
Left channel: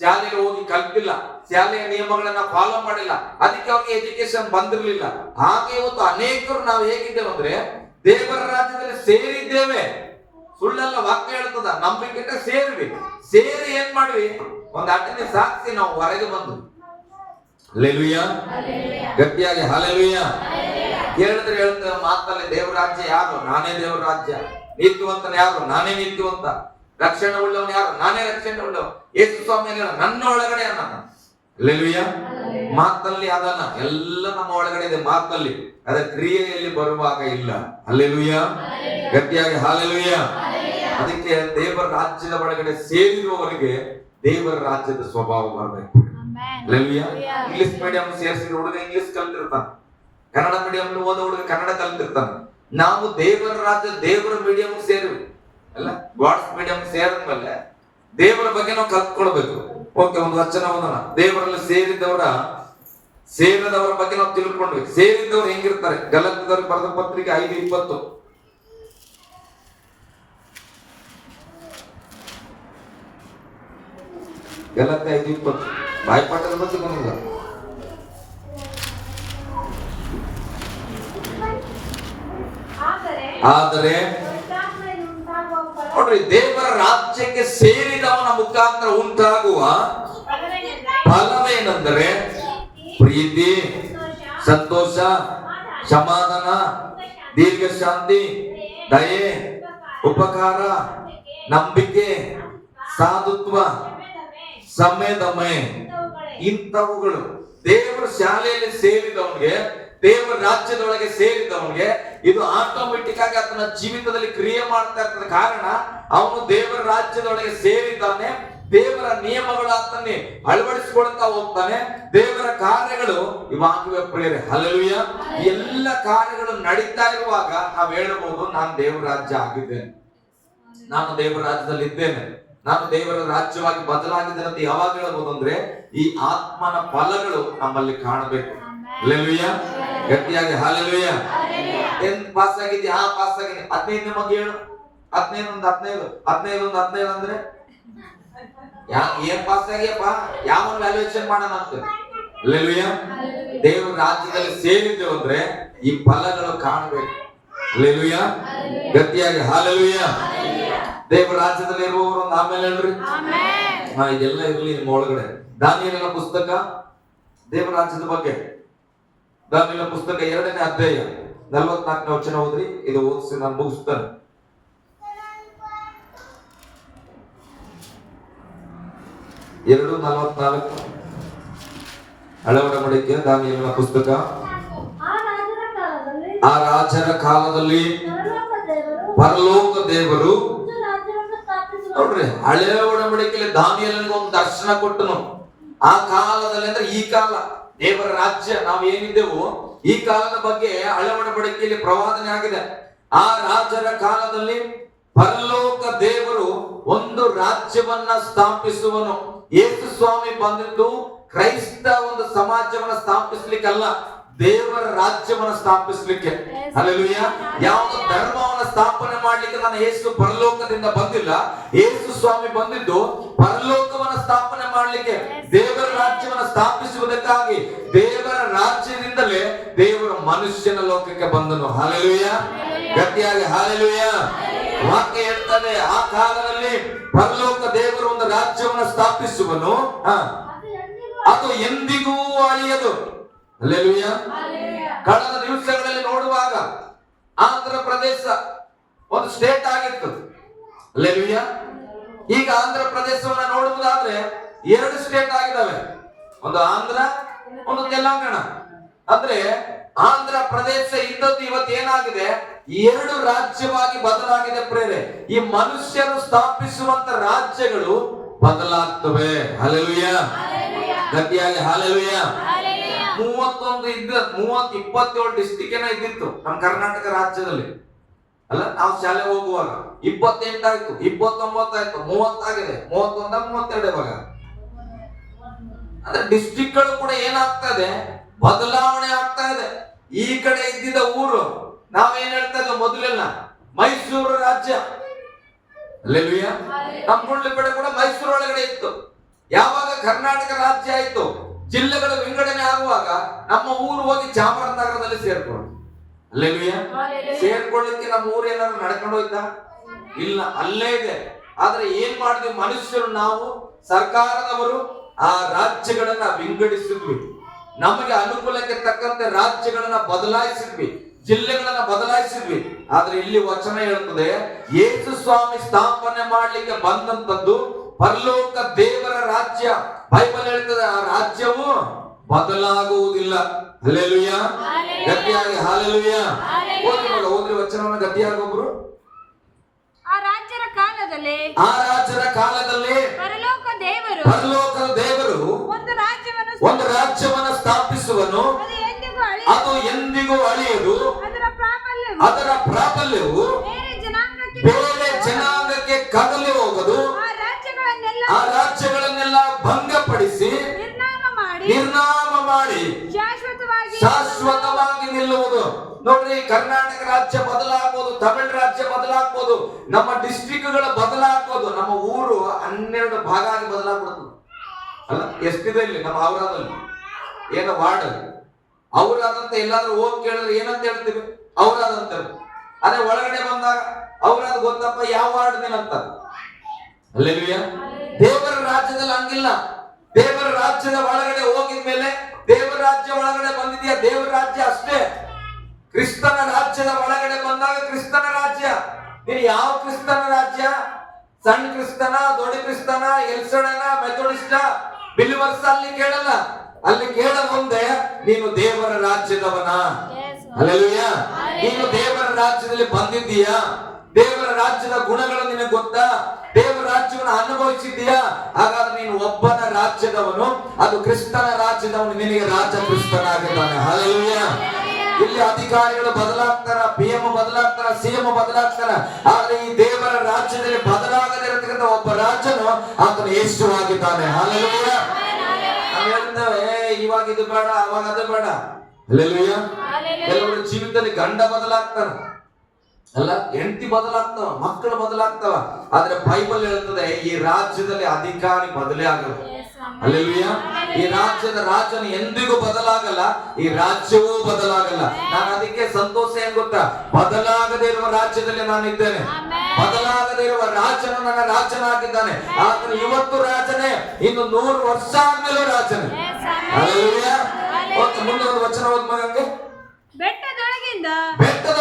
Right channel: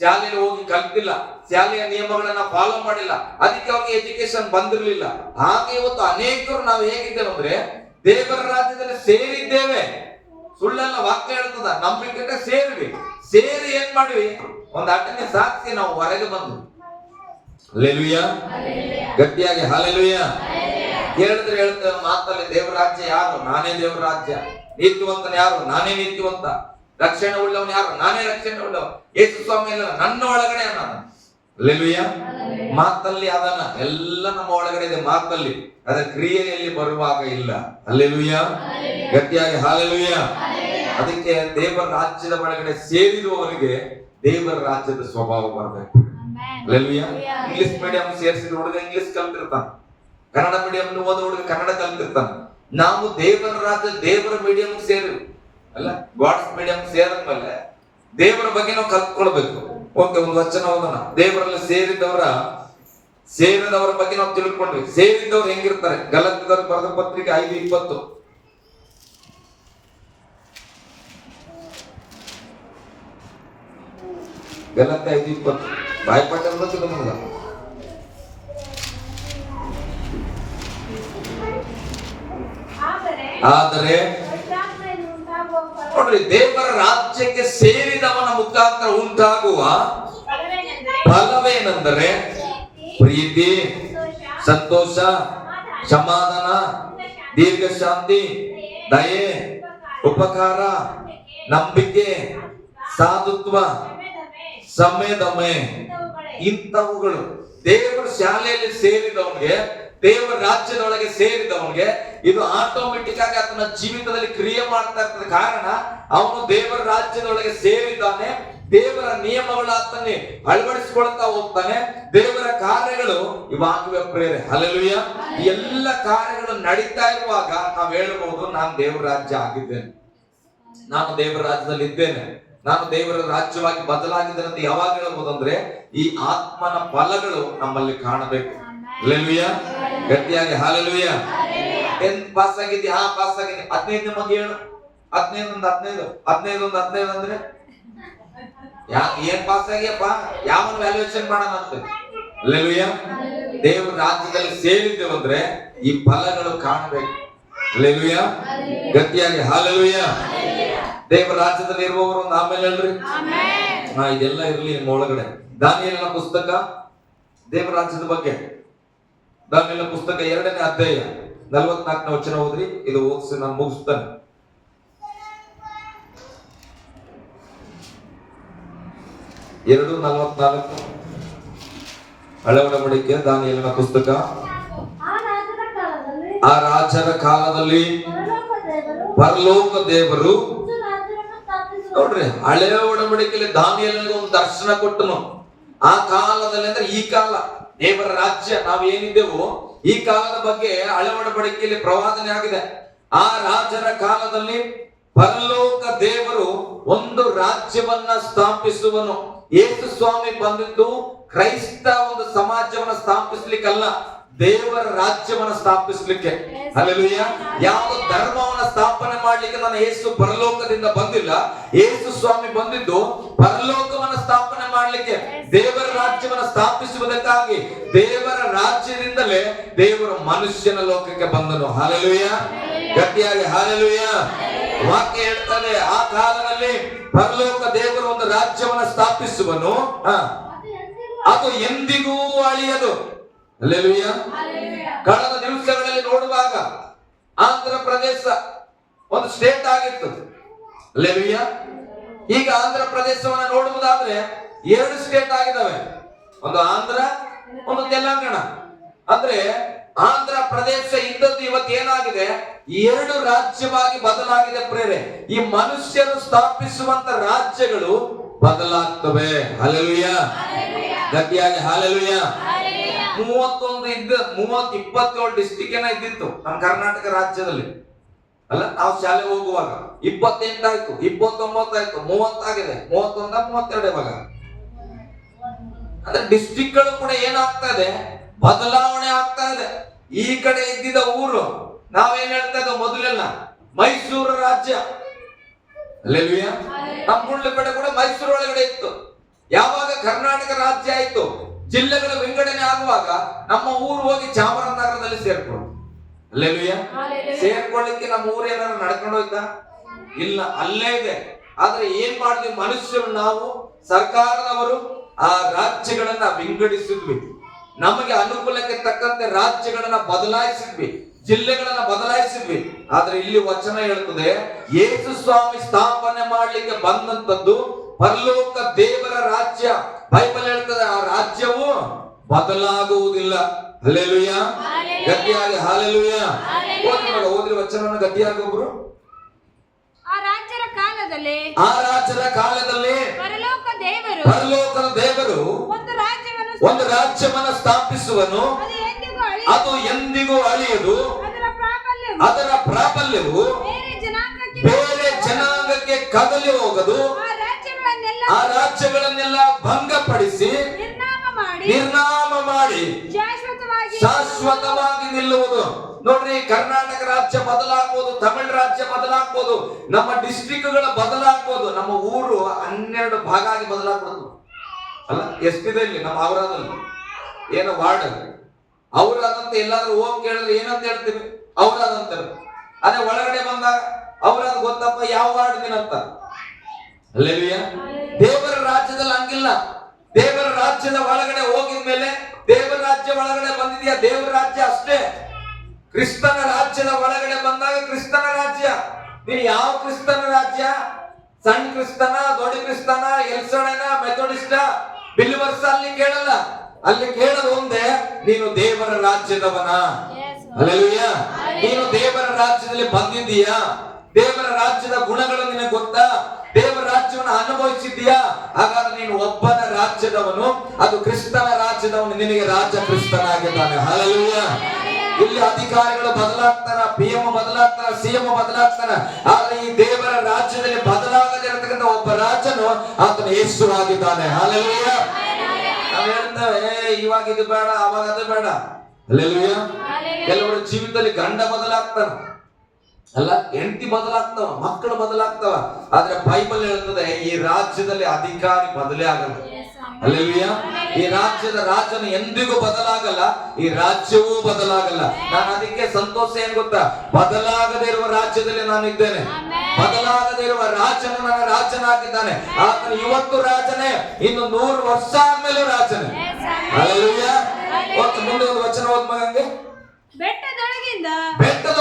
ಶಾಲೆಗೆ ಹೋಗಿ ಕಲ್ತಿಲ್ಲ, ಶಾಲೆಯ ನಿಯಮಗಳನ್ನ ಫಾಲೋ ಮಾಡಿಲ್ಲ, ಅದಕ್ಕೆ ಅವ್ರಿಗೆ ಎಜುಕೇಶನ್ ಬಂದಿರ್ಲಿಲ್ಲ. ಹಾಗೆ ಇವತ್ತು ಅನೇಕರು ನಾವು ಹೇಗಿದ್ದೇವೆ ಅಂದ್ರೆ ದೇವರ ರಾಜ್ಯದಲ್ಲಿ ಸೇರಿದ್ದೇವೆ. ಸುಳ್ಳಲ್ಲ, ವಾಕ್ಯ ಹೇಳ್ತದ, ನಂಬಿಕೆ ಸೇರಿವಿ. ಸೇರಿ ಏನ್ ಮಾಡ್ವಿ, ಒಂದ್ ಅಡ್ಡನೆ ಸಾಕ್ಷಿ ನಾವು ಹೊರಗೆ ಬಂದ್ವಿ. ಹಲ್ಲೆಲೂಯಾ. ಗಟ್ಟಿಯಾಗಿ ಹಲ್ಲೆಲೂಯಾ. ಹೇಳಿದ್ರೆ ಹೇಳ್ತೇವೆ ಮಾತಲ್ಲಿ, ದೇವರ ರಾಜ್ಯ ಯಾರು? ನಾನೇ ದೇವರ ರಾಜ್ಯ. ನೀತಿವಂತನ ಯಾರು? ನಾನೇ ನೀತಿವಂತ. ರಕ್ಷಣೆ ಉಳ್ಳವನು ಯಾರು? ನಾನೇ ರಕ್ಷಣೆ ಉಳ್ಳವ. ಯೇಸು ಸ್ವಾಮಿ ನನ್ನ ಒಳಗಡೆ ಅನ್ನೋಣ. ಹಲ್ಲೆಲೂಯಾ. ಮಾತಲ್ಲಿ ಅದನ್ನ ಎಲ್ಲ ನಮ್ಮ ಒಳಗಡೆ ಇದೆ, ಮಾತಲ್ಲಿ. ಅದರ ಕ್ರಿಯೆಯಲ್ಲಿ ಬರುವಾಗ ಇಲ್ಲ. ಹಲ್ಲೆಲೂಯಾ. ಗಟ್ಟಿಯಾಗಿ ಹಲ್ಲೆಲೂಯಾ. ಅದಕ್ಕೆ ದೇವರ ರಾಜ್ಯದ ಒಳಗಡೆ ಸೇರಿರುವವರಿಗೆ ದೇವರ ರಾಜ್ಯದ ಸ್ವಭಾವ ಬರಬೇಕು. ಹಲ್ಲೆಲೂಯಾ. ಇಂಗ್ಲಿಷ್ ಮೀಡಿಯಂ ಸೇರಿಸಿದ ಹುಡುಗ ಇಂಗ್ಲಿಷ್ ಕಲ್ತಿರ್ತಾನ, ಕನ್ನಡ ಮೀಡಿಯಂ ಓದೋ ಹುಡುಗ ಕನ್ನಡ ಕಲ್ತಿರ್ತಾನ. ನಾವು ದೇವರ ರಾಜ್ಯ ದೇವರ ಮೀಡಿಯಂ ಸೇರಿವಿ ಅಲ್ಲ, ಗಾಡ್ಸ್ ಮೀಡಿಯಂ ಸೇರಿದ್ಮೇಲೆ ದೇವರ ಬಗ್ಗೆ ನಾವು ಕಲ್ತ್ಕೊಳ್ಬೇಕು. ಓಕೆ, ಒಂದು ವಚನ ಓದೋಣ. ದೇವರಲ್ಲಿ ಸೇರಿದವರ ಬಗ್ಗೆ ನಾವು ತಿಳ್ಕೊಂಡ್ವಿ. ಸೇರಿದವ್ರು ಹೆಂಗಿರ್ತಾರೆ? ಗಲಾತ್ಯದವ್ರಿಗೆ ಬರೆದ ಪತ್ರಿಕೆ 5:20. ಗಲಾತ್ಯ 5:20 ಬಾಯ್ಪಾಠದ ಬಗ್ಗೆ ಬಂದಿಲ್ಲ. ಆದರೆ ನೋಡ್ರಿ, ದೇವರ ರಾಜ್ಯಕ್ಕೆ ಸೇರಿದವನ ಮುಖಾಂತರ ಉಂಟಾಗುವ ಫಲವೇನೆಂದರೆ ಪ್ರೀತಿ, ಸಂತೋಷ, ಸಮಾಧಾನ, ದೀರ್ಘ ಶಾಂತಿ, ದಯೆ, ಉಪಕಾರ, ನಂಬಿಕೆ, ಸಾಧುತ್ವ, ಸಂಯಮೆ. ಇಂಥವುಗಳು ದೇವರ ಶಾಲೆಯಲ್ಲಿ ಸೇರಿದವನಿಗೆ, ದೇವರ ರಾಜ್ಯದೊಳಗೆ ಸೇರಿದವನಿಗೆ ಇದು ಆಟೋಮೆಟಿಕ್ ಆಗಿ ಆತನ ಜೀವಿತದಲ್ಲಿ ಕ್ರಿಯೆ ಮಾಡ್ತಾ ಇರ್ತದೆ. ಕಾರಣ ಅವನು ದೇವರ ರಾಜ್ಯದೊಳಗೆ ಸೇರಿದ್ದಾನೆ. ದೇವರ ನಿಯಮಗಳು ಆತನೇ ಅಳವಡಿಸಿಕೊಳ್ತಾ ಹೋಗ್ತಾನೆ. ದೇವರ ಕಾರ್ಯಗಳು ಇವಾಗಿವೆ ಪ್ರೇರೆ. ಹಲ್ಲೆಲೂಯಾ. ಎಲ್ಲ ಕಾರ್ಯಗಳು ನಡೀತಾ ಇರುವಾಗ ನಾವು ಹೇಳಬಹುದು, ನಾನು ದೇವರ ರಾಜ್ಯ ಆಗಿದ್ದೇನೆ, ನಾನು ದೇವರ ರಾಜ್ಯದಲ್ಲಿ ಇದ್ದೇನೆ, ನಾನು ದೇವರ ರಾಜ್ಯವಾಗಿ ಬದಲಾಗಿದ್ದೇನೆ ಅಂತ ಯಾವಾಗ ಹೇಳಬಹುದು ಅಂದ್ರೆ ಈ ಆತ್ಮನ ಫಲಗಳು ನಮ್ಮಲ್ಲಿ ಕಾಣಬೇಕು. ಹಲ್ಲೆಲೂಯಾ. ಗಟ್ಟಿಯಾಗಿ ಹಲ್ಲೆಲೂಯಾ. 10th pass ಆಗಿದ್ದಿ? ಹಾ, ಪಾಸ್ ಆಗಿದ್ದಿ. 15 ಬಗ್ಗೆ ಹೇಳು. 15 ಒಂದು 15 ಅಂದ್ರೆ ಏನ್ ಪಾಸ್ ಆಗ್ಯಪ್ಪ, ಯಾವನ್ ವ್ಯಾಲ್ಯೂಯೇಷನ್ ಮಾಡೋಣ ಅಂತ. ಹಲ್ಲೆಲೂಯಾ. ದೇವರ ರಾಜ್ಯದಲ್ಲಿ ಸೇರಿದ್ದೇವೆ ಅಂದ್ರೆ ಈ ಫಲಗಳು ಕಾಣಬೇಕು. ಹಲ್ಲೆಲೂಯಾ. ಗಟ್ಟಿಯಾಗಿ ಹಲ್ಲೆಲೂಯಾ. ದೇವರ ರಾಜ್ಯದಲ್ಲಿ ಇರುವವರು ಒಂದು ಆಮೇಲೆ ಹೇಳ್ರಿ. ಇದೆಲ್ಲ ಇರ್ಲಿ ನಿಮ್ಮ ಒಳಗಡೆ. ದಾನಿಯೇಲನ ಪುಸ್ತಕ ದೇವರ ರಾಜ್ಯದ ಬಗ್ಗೆ. ದಾನಿಯೇಲನ ಪುಸ್ತಕ 2ನೇ ಅಧ್ಯಾಯ 44ನೇ ವಚನ ಓದ್ರಿ. ಇದು ಓದಿಸಿ ನಾನು ಮುಗಿಸ್ತೇನೆ. 2:44 ಹಳೆ ಒಡಂಬಡಿಕೆ ದಾನಿಯೇಲನ ಪುಸ್ತಕ. ಆ ರಾಜರ ಕಾಲದಲ್ಲಿ ಪರಲೋಕ ದೇವರು ನೋಡ್ರಿ, ಹಳೆಯ ಒಡಂಬಡಿಕೆಯಲ್ಲಿ ದಾನಿಯೇಲನಿಗೆ ಒಂದು ದರ್ಶನ ಕೊಟ್ಟನು. ಆ ಕಾಲದಲ್ಲಿ ಅಂದ್ರೆ ಈ ಕಾಲ, ದೇವರ ರಾಜ್ಯ ನಾವು ಏನಿದ್ದೆವು ಈ ಕಾಲದ ಬಗ್ಗೆ ಹಳೆ ಒಡಂಬಡಿಕೆಯಲ್ಲಿ ಪ್ರವಾದನೆ ಆಗಿದೆ. ಆ ರಾಜರ ಕಾಲದಲ್ಲಿ ಪರಲೋಕ ದೇವರು ಒಂದು ರಾಜ್ಯವನ್ನ ಸ್ಥಾಪಿಸುವನು. ಯೇಸು ಸ್ವಾಮಿ ಬಂದಿದ್ದು ಕ್ರೈಸ್ತ ಒಂದು ಸಮಾಜವನ್ನ ಸ್ಥಾಪಿಸ್ಲಿಕ್ಕಲ್ಲ, ದೇವರ ರಾಜ್ಯವನ್ನ ಸ್ಥಾಪಿಸ್ಲಿಕ್ಕೆ. ಹಲ್ಲೆಲೂಯಾ. ಯಾವ ಧರ್ಮವನ್ನ ಸ್ಥಾಪನೆ ಮಾಡ್ಲಿಕ್ಕೆ ನಾನು ಯೇಸು ಪರಲೋಕದಿಂದ ಬಂದಿಲ್ಲ. ಯೇಸು ಸ್ವಾಮಿ ಬಂದಿದ್ದು ಪರಲೋಕವನ್ನ ಸ್ಥಾಪನೆ ಮಾಡ್ಲಿಕ್ಕೆ, ದೇವರ ರಾಜ್ಯವನ್ನ ಸ್ಥಾಪಿಸುವುದಕ್ಕಾಗಿ. ದೇವರ ರಾಜ್ಯದಿಂದಲೇ ದೇವರ ಮನುಷ್ಯನ ಲೋಕಕ್ಕೆ ಬಂದನು. ಹಲ್ಲೆಲೂಯಾ. ಗಟ್ಟಿಯಾಗಿ ಹಲ್ಲೆಲೂಯಾ. ವಾಕ್ಯ ಹೇಳ್ತದೆ, ಆ ಕಾಲದಲ್ಲಿ ಪರಲೋಕ ದೇವರು ಒಂದು ರಾಜ್ಯವನ್ನ ಸ್ಥಾಪಿಸುವನು, ಅದು ಎಂದಿಗೂ ಅಳಿಯದು. ಹಲ್ಲೆಲೂಯಾ. ಕಳೆದ ದಿವಸಗಳಲ್ಲಿ ನೋಡುವಾಗ ಆಂಧ್ರ ಪ್ರದೇಶ ಒಂದು ಸ್ಟೇಟ್ ಆಗಿತ್ತು. ಹಲ್ಲೆಲೂಯಾ. ಈಗ ಆಂಧ್ರ ಪ್ರದೇಶವನ್ನ ನೋಡುವುದಾದ್ರೆ 2 ಸ್ಟೇಟ್ ಆಗಿದ್ದಾವೆ, ಒಂದು ಆಂಧ್ರ, ಒಂದು ತೆಲಂಗಾಣ. ಅಂದ್ರೆ ಆಂಧ್ರ ಪ್ರದೇಶ ಇದ್ದದ್ದು ಇವತ್ತು ಏನಾಗಿದೆ, 2 ರಾಜ್ಯವಾಗಿ ಬದಲಾಗಿದೆ. ಪ್ರೇರೆ, ಈ ಮನುಷ್ಯರು ಸ್ಥಾಪಿಸುವಂತ ರಾಜ್ಯಗಳು ಬದಲಾಗ್ತವೆ. ಹಲ್ಲೆಲೂಯಾ. ಗಟ್ಟಿಯಾಗಿ ಹಲ್ಲೆಲೂಯಾ. 27 ಡಿಸ್ಟಿಕ್ ಏನೋ ಇದ್ದಿತ್ತು ನಮ್ಮ ಕರ್ನಾಟಕ ರಾಜ್ಯದಲ್ಲಿ. ಅಲ್ಲ, ನಾವು ಶಾಲೆ ಹೋಗುವಾಗ 28 ಆಯ್ತು, 29 ಆಯ್ತು, 30 ಆಗಿದೆ, 31, 32 ಇವಾಗ. ಅಂದ್ರೆ ಡಿಸ್ಟಿಕ್ ಗಳು ಕೂಡ ಏನಾಗ್ತಾ ಇದೆ, ಬದಲಾವಣೆ ಆಗ್ತಾ ಇದೆ. ಈ ಕಡೆ ಇದ್ದಿದ್ದ ಊರು ನಾವೇನ್ ಹೇಳ್ತಾ ಇದ್ದೇವೆ ಮೊದಲೆಲ್ಲ ಮೈಸೂರು ರಾಜ್ಯ. ಹಲ್ಲೆಲೂಯಾ. ನಮ್ಮ ಮುಳ್ಳು ಕಡೆ ಕೂಡ ಮೈಸೂರು ಒಳಗಡೆ ಇತ್ತು. ಯಾವಾಗ ಕರ್ನಾಟಕ ರಾಜ್ಯ ಆಯ್ತು, ಜಿಲ್ಲೆಗಳ ವಿಂಗಡಣೆ ಆಗುವಾಗ ನಮ್ಮ ಊರು ಹೋಗಿ ಚಾಮರಾಜನಗರದಲ್ಲಿ ಸೇರ್ಕೊಂಡು. ಹಲ್ಲೆಲೂಯಾ. ಸೇರ್ಕೊಳ್ಳಿಕ್ಕೆ ನಮ್ಮ ಊರು ಏನಾದ್ರು ನಡ್ಕೊಂಡು ಹೋಯ್ತಾ? ಇಲ್ಲ, ಅಲ್ಲೇ ಇದೆ. ಆದ್ರೆ ಏನ್ ಮಾಡಿದ್ವಿ ಮನುಷ್ಯರು, ನಾವು ಸರ್ಕಾರದವರು ಆ ರಾಜ್ಯಗಳನ್ನ ವಿಂಗಡಿಸಿದ್ವಿ. ನಮಗೆ ಅನುಕೂಲಕ್ಕೆ ತಕ್ಕಂತೆ ರಾಜ್ಯಗಳನ್ನ ಬದಲಾಯಿಸಿದ್ವಿ, ಜಿಲ್ಲೆಗಳನ್ನ ಬದಲಾಯಿಸಿದ್ವಿ. ಆದ್ರೆ ಇಲ್ಲಿ ವಚನ ಹೇಳ್ತದೆ, ಯೇಸು ಸ್ವಾಮಿ ಸ್ಥಾಪನೆ ಮಾಡ್ಲಿಕ್ಕೆ ಬಂದಂತದ್ದು ಪರಲೋಕ ದೇವರ ರಾಜ್ಯ. ಬೈಬಲ್ ಹೇಳ್ತದೆ, ಆ ರಾಜ್ಯವು ಬದಲಾಗುವುದಿಲ್ಲ. ಹಲ್ಲೆಲೂಯಾ. ಗಟ್ಟಿಯಾಗಿ ಹಲ್ಲೆಲೂಯಾ. ಓದ್ರಿ ವಚನವನ್ನು ಗಟ್ಟಿಯಾಗಿ ಒಬ್ರು. ಆ ರಾಜರ ಕಾಲದಲ್ಲಿ ಪರಲೋಕ ದೇವರು ಒಂದು ರಾಜ್ಯವನ್ನ ಸ್ಥಾಪಿಸುವನು, ಅದು ಎಂದಿಗೂ ಅಳಿಯದು. ಅದರ ಪ್ರಾಬಲ್ಯವು ಬೇರೆ ಜನಾಂಗಕ್ಕೆ ಕದಲಿ ಹೋಗದು. ಆ ರಾಜ್ಯಗಳನ್ನೆಲ್ಲ ಭಂಗಪಡಿಸಿ ನಿರ್ನಾಮ ಮಾಡಿ ಶಾಶ್ವತವಾಗಿ ನಿಲ್ಲುವುದು. ನೋಡ್ರಿ, ಕರ್ನಾಟಕ ರಾಜ್ಯ ಬದಲಾಗ್ಬೋದು, ತಮಿಳು ರಾಜ್ಯ ಬದಲಾಗ್ಬೋದು, ನಮ್ಮ ಡಿಸ್ಟ್ರಿಕ್ಟ್ಗಳು ಬದಲಾಗ್ಬೋದು, ನಮ್ಮ ಊರು 12 ಭಾಗ ಆಗಿ ಬದಲಾಗ್ಬೋದು. ಅಲ್ಲ, ಎಷ್ಟಿದೆ ಇಲ್ಲಿ ನಮ್ಮ ಔರಾದಲ್ಲಿ, ಏನೋ ವಾರ್ಡ್ ಔರಾದಂತ ಎಲ್ಲಾದ್ರೂ ಹೋಗಿ ಕೇಳಿದ್ರೆ ಏನಂತ ಹೇಳ್ತೀವಿ, ಔರಾದಂತ. ಅದೇ ಒಳಗಡೆ ಬಂದಾಗ ಔರಾದ ಗೊತ್ತಪ್ಪ ಯಾವ ವಾರ್ಡ್ ಏನಂತ. ಹಲ್ಲೆಲೂಯಾ. ದೇವರ ರಾಜ್ಯದಲ್ಲಿ ಹಂಗಿಲ್ಲ. ದೇವರ ರಾಜ್ಯದ ಒಳಗಡೆ ಹೋಗಿದ್ಮೇಲೆ ದೇವರ ರಾಜ್ಯ ಒಳಗಡೆ ಬಂದಿದ್ಯಾ, ದೇವರ ರಾಜ್ಯ ಅಷ್ಟೇ. ಕ್ರಿಸ್ತನ ರಾಜ್ಯದ ಒಳಗಡೆ ಬಂದಾಗ ಕ್ರಿಸ್ತನ ರಾಜ್ಯ. ನೀನು ಯಾವ ಕ್ರಿಸ್ತನ ರಾಜ್ಯ? ಸಣ್ಣ ಕ್ರಿಸ್ತನ, ದೊಡ್ಡ ಕ್ರಿಸ್ತನ, ಎಲ್ಸಡನ, ಮೆಥೋಡಿಸ್ಟ, ಬಿಲಿವರ್ಸ್ ಅಲ್ಲಿ ಕೇಳಲ್ಲ. ಅಲ್ಲಿ ಕೇಳೋದು ಒಂದೇ, ನೀನು ದೇವರ ರಾಜ್ಯದವನ. ಹಲ್ಲೆಲೂಯಾ. ನೀನು ದೇವರ ರಾಜ್ಯದಲ್ಲಿ ಬಂದಿದ್ದೀಯಾ? ದೇವರ ರಾಜ್ಯದ ಗುಣಗಳು ನಿನಗೆ ಗೊತ್ತಾ? ದೇವರ ರಾಜ್ಯವನ್ನು ಅನುಭವಿಸಿದ್ದೀಯಾ? ಹಾಗಾದ್ರೆ ನೀನು ಒಬ್ಬನ ರಾಜ್ಯದವನು, ಅದು ಕ್ರಿಸ್ತನ ರಾಜ್ಯದವನು. ನಿನಗೆ ರಾಜ ಕ್ರಿಸ್ತನಾಗಿದ್ದಾನೆ. ಹಲ್ಲೆಲೂಯಾ. ಇಲ್ಲಿ ಅಧಿಕಾರಿಗಳು ಬದಲಾಗ್ತಾರ, PM ಬದಲಾಗ್ತಾರ, CM ಬದಲಾಗ್ತಾರ. ಆದ್ರೆ ಈ ದೇವರ ರಾಜ್ಯದಲ್ಲಿ ಬದಲಾಗದಿರತಕ್ಕಂಥ ಒಬ್ಬ ರಾಜನು ಆತನು ಯೇಸು ಆಗಿದ್ದಾನೆ. ಹಲ್ಲೆಲೂಯಾ. ನಾವು ಹೇಳ್ತೇವೆ, ಇವಾಗ ಇದು ಬೇಡ, ಅವಾಗ ಅದು ಬೇಡ. ಹಲ್ಲೆಲೂಯಾ. ಕೆಲವರು ಜೀವಿತದಲ್ಲಿ ಗಂಡ ಬದಲಾಗ್ತಾನ, ಅಲ್ಲ ಹೆಂಡತಿ ಬದಲಾಗ್ತವ, ಮಕ್ಕಳು ಬದಲಾಗ್ತವ. ಆದ್ರೆ ಬೈಬಲ್ ಹೇಳ್ತದೆ, ಈ ರಾಜ್ಯದಲ್ಲಿ ಅಧಿಕಾರಿ ಬದಲೇ ಆಗಲ್ಲ. ಹಲ್ಲೆಲೂಯಾ. ಈ ರಾಜ್ಯದ ರಾಜನು ಎಂದಿಗೂ ಬದಲಾಗಲ್ಲ, ಈ ರಾಜ್ಯವೂ ಬದಲಾಗಲ್ಲ. ನಾನು ಅದಕ್ಕೆ ಸಂತೋಷ ಏನ್ ಗೊತ್ತಾ, ಬದಲಾಗದೇ ಇರುವ ರಾಜ್ಯದಲ್ಲಿ ನಾನು ಇದ್ದೇನೆ. ಬದಲಾಗದೇ ಇರುವ ರಾಜನು ನನ್ನ ರಾಜನಾಗಿದ್ದಾನೆ. ಆತನು ಇವತ್ತು ರಾಜನೇ, ಇನ್ನು 100 ವರ್ಷ ಆದ್ಮೇಲೂ ರಾಜನೇ. ಹಲ್ಲೆಲೂಯಾ. ಮುಂದೆ ಒಂದು ವಚನ ಓದ್ ಮಗಂಗೆ. ಬೆಟ್ಟದ